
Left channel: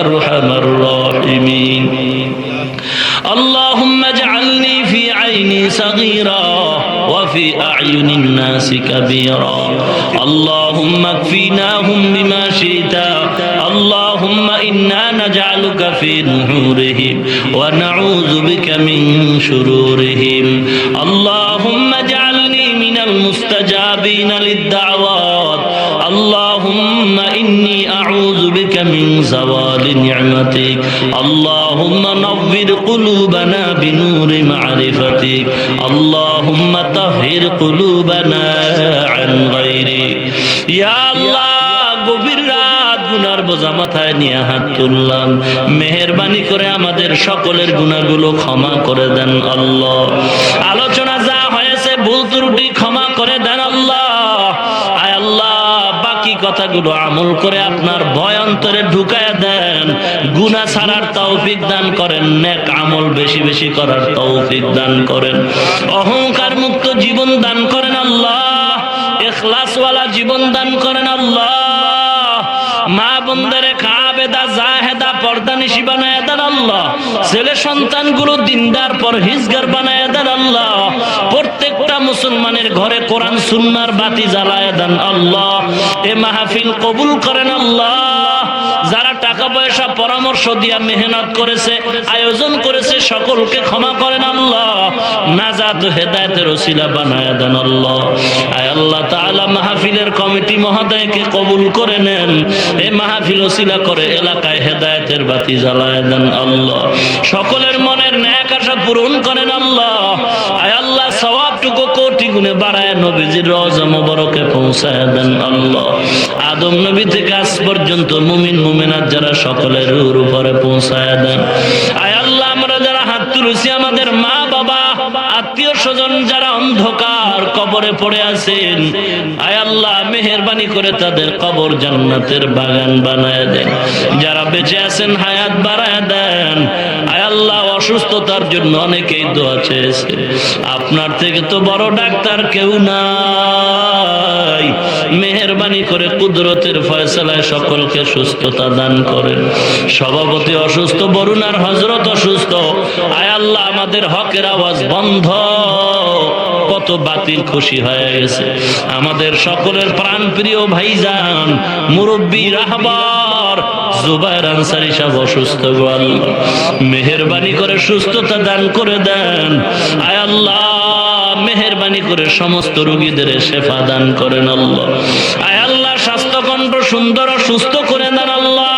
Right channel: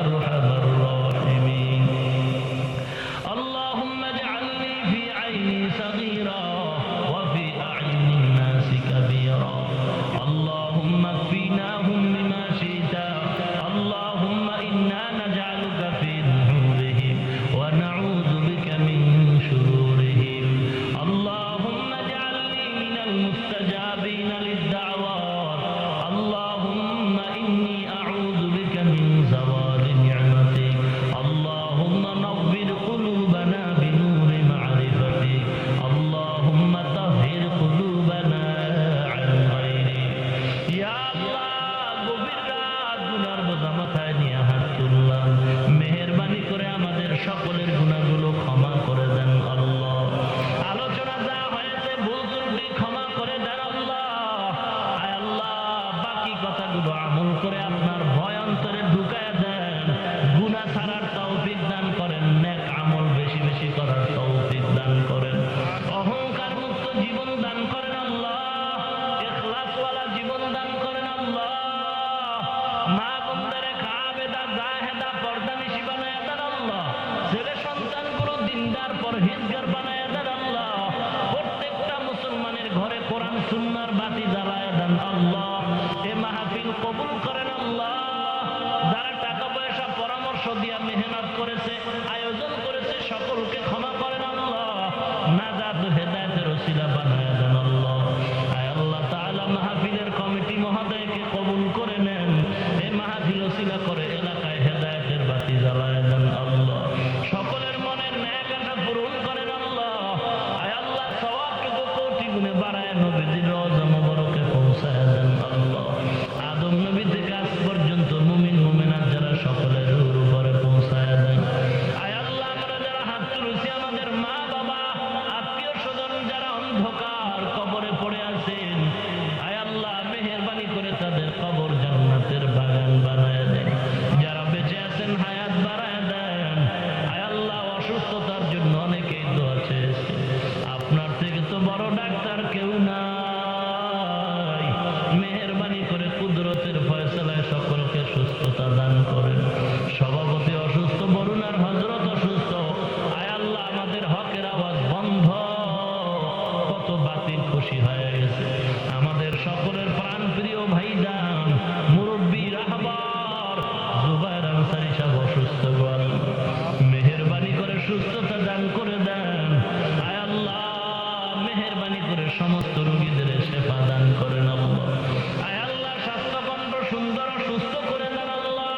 আরহামার রাহিমিন। اللهم اجعلني في عيني صغيرا وفي أعين الناس كبيرا. اللهم اكفيناهم بما شئت. اللهم إنا نجعلك في نحورهم ونعوذ بك من شرورهم. اللهم اجعلني من المستجابين للدعوات. اللهم إني أعوذ بك من زوال نعمتك. اللهم نور قلوبنا بنور معرفتك. اللهم طهر قلوبنا عن غيرك. يا الله, গভীর রাত গুনার বোঝা মাথায় নিয়ে হাত তুললাম, মেহেরবানি করে আমাদের সকলের গুনাহগুলো ক্ষমা করে দেন আল্লাহ। আলোচনা যা হয়েছে ভুল ত্রুটি ক্ষমা করে দেন আল্লাহ। আয় আল্লাহ, বাকি কথা কথাগুলো আমল করে আপনার ভয় অন্তরে ঢুকায়া দেন। গুনাহ ছাড়ার তৌফিক দান করেন, নেক আমল বেশি বেশি করার তৌফিক দান করেন, অহংকার মুক্ত জীবন দান করেন আল্লাহ, ইখলাসওয়ালা জীবন দান করেন আল্লাহ। মা বোনদেরকে আবেদা জাহেদা পর্দানিশী বানায় দেন আল্লাহ। ছেলে সন্তানগুলো দিনদার পরহেজগার বানায় দেন আল্লাহ। প্রত্যেকটা মুসলমানের ঘরে কোরআন সুন্নাহর বাতি জ্বালায় দেন আল্লাহ। এ মাহফিল কবুল করেন আল্লাহ। যারা টাকা পয়সা পরামর্শ দিয়া মেহনত করেছে, আয়োজন করেছে, সকলকে ক্ষমা করেন আল্লাহ। নাজাত ও হেদায়েতের ওসিলা বানায় দেন আল্লাহ। আয় আল্লাহ তাআলা মাহফিলের কমিটি মহোদয়কে কবুল করে নেন। এই মাহফিল ওসিলা করে এলাকায় হেদায়েতের বাতি জ্বালায় দেন আল্লাহ। সকলের মনের নেক আশা পূরণ করেন আল্লাহ। আয় আল্লাহ সওয়াবটুকু কোটি গুণে বাড়ায় নবীজির রওজা মোবারকে পৌঁছায় দেন আল্লাহ। আদম নবী থেকে আজ পর্যন্ত মুমিন মুমিনাত যারা সকলের রূহের উপরে পৌঁছায় দেন। আয় আল্লাহ আমরা যারা হাত তুলেছি, আমাদের মা বাবা আত্মীয় স্বজন যারা অন্ধকার কবরে পড়ে আছেন, আয় আল্লাহ মেহেরবানি করে তাদের কবর জান্নাতের বাগান বানায় দেন। যারা বেঁচে আছেন হায়াত বাড়ায় দেন। আয় আল্লাহ অসুস্থতার জন্য অনেকেই দোয়া চেয়েছে, আপনার থেকে তো বড় ডাক্তার কেউ নাই। মেহেরবানি করে কুদরতের ফয়সালায় সকলকে সুস্থতা দান করেন। সভাপতি অসুস্থ, বরুণার হযরত অসুস্থ, আয় আল্লাহ আমাদের হকের আওয়াজ বন্ধ। কত বাতিল খুশি হয়ে গেছে। আমাদের সকলের প্রাণ প্রিয় ভাইজান মুরব্বী রাহবার জুবায়ের আনসারী সাহেব অসুস্থ, গো আল্লাহ মেহেরবানি করে সুস্থতা দান করে দেন। আয় আল্লাহ মেহেরবানি করে সমস্ত রোগীদের শেফা দান করেন আল্লাহ। আয় আল্লাহ স্বাস্থ্যকণ্ঠ সুন্দর ও সুস্থ করে দেন আল্লাহ।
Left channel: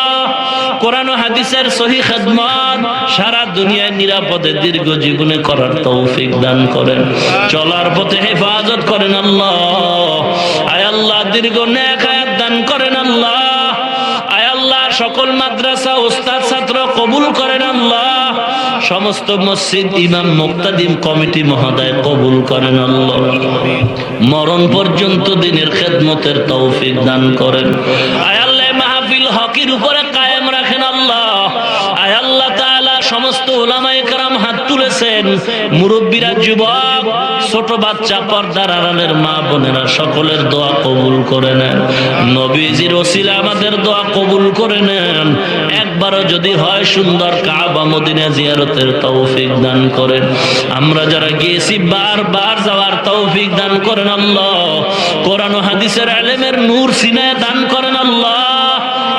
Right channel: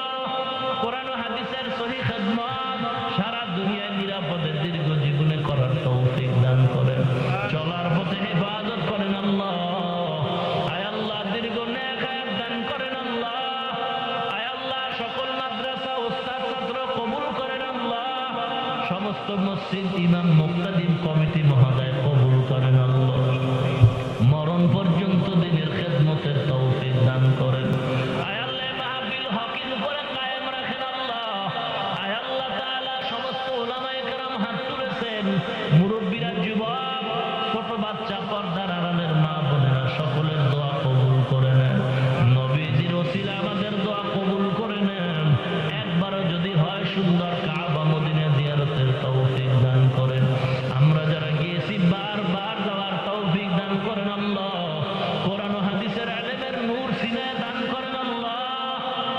কোরআন ও হাদিসের সহিহ খেদমত সারা দুনিয়ায় নিরাপদে দীর্ঘ জীবনে করার তৌফিক দান করেন। চলার পথে হেফাজত করেন আল্লাহ। আয় আল্লাহ দীর্ঘ নেক হায়াত দান করেন আল্লাহ। আয় আল্লাহ সকল মাদ্রাসা উস্তাদ ছাত্র কবুল করেন আল্লাহ। সমস্ত মসজিদ ইমাম মুক্তাদিম কমিটি মহোদয় কবুল করেন আল্লাহ। মরণ পর্যন্ত দিনের খেদমতের তৌফিক দান করেন। আয় আল্লাহ মাহফিল হকের উপরে কায়েম রাখেন আল্লাহ। আয় আল্লাহ তাআলা সমস্ত উলামায়ে কেরাম হাত তুলেছেন, মুরব্বীরা, যুবক, ছোট বাচ্চা, পর্দার আড়ালের মা বোনেরা সকলের দোয়া কবুল করে নেন। নবীজির ওসিলা আমাদের দোয়া কবুল করে নেন। একবারও যদি হয় সুন্দর কাবা মদিনা জিয়ারতের তৌফিক দান করেন। আমরা যারা গিয়েছি বারবার যাওয়ার তৌফিক দান করেন আল্লাহ। কোরআন ও হাদিসের ইলমের নূর সিনায় দান করেন আল্লাহ।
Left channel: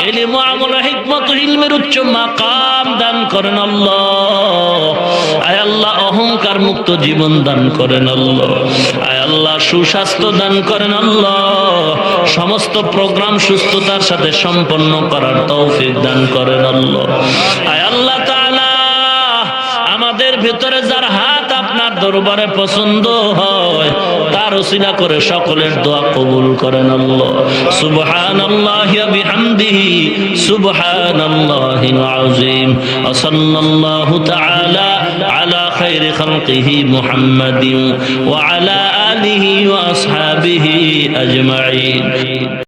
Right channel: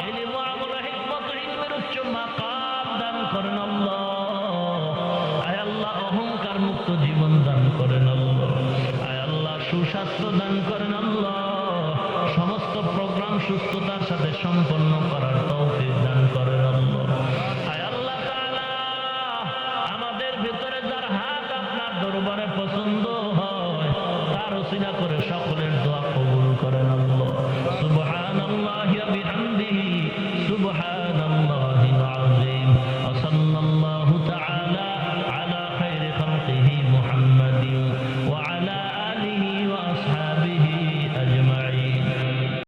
ইলম ও আমল ও হিকমত ও ইলমের উচ্চ মাকাম দান করেন আল্লাহ। আয় আল্লাহ অহংকার মুক্ত জীবন দান করেন আল্লাহ। আয় আল্লাহ সুস্বাস্থ্য দান করেন আল্লাহ। সমস্ত প্রোগ্রাম সুস্থতার সাথে সম্পন্ন করার তৌফিক দান করেন আল্লাহ। আয় আল্লাহ তাআলা আমাদের ভিতরে যার হাত আপনার দরবারে পছন্দ হয় তার ওসিলা করে সকলের দোয়া কবুল করেন আল্লাহ। সুবহানাল্লাহি ওয়া বিহামদিহি সুবহানাল্লাহিল আযীম। ওয়া সাল্লাল্লাহু তাআলা আলা খায়রি খালকিহি মুহাম্মাদিন ওয়া আলা আলিহি ওয়া আসহাবিহি আজমাইন।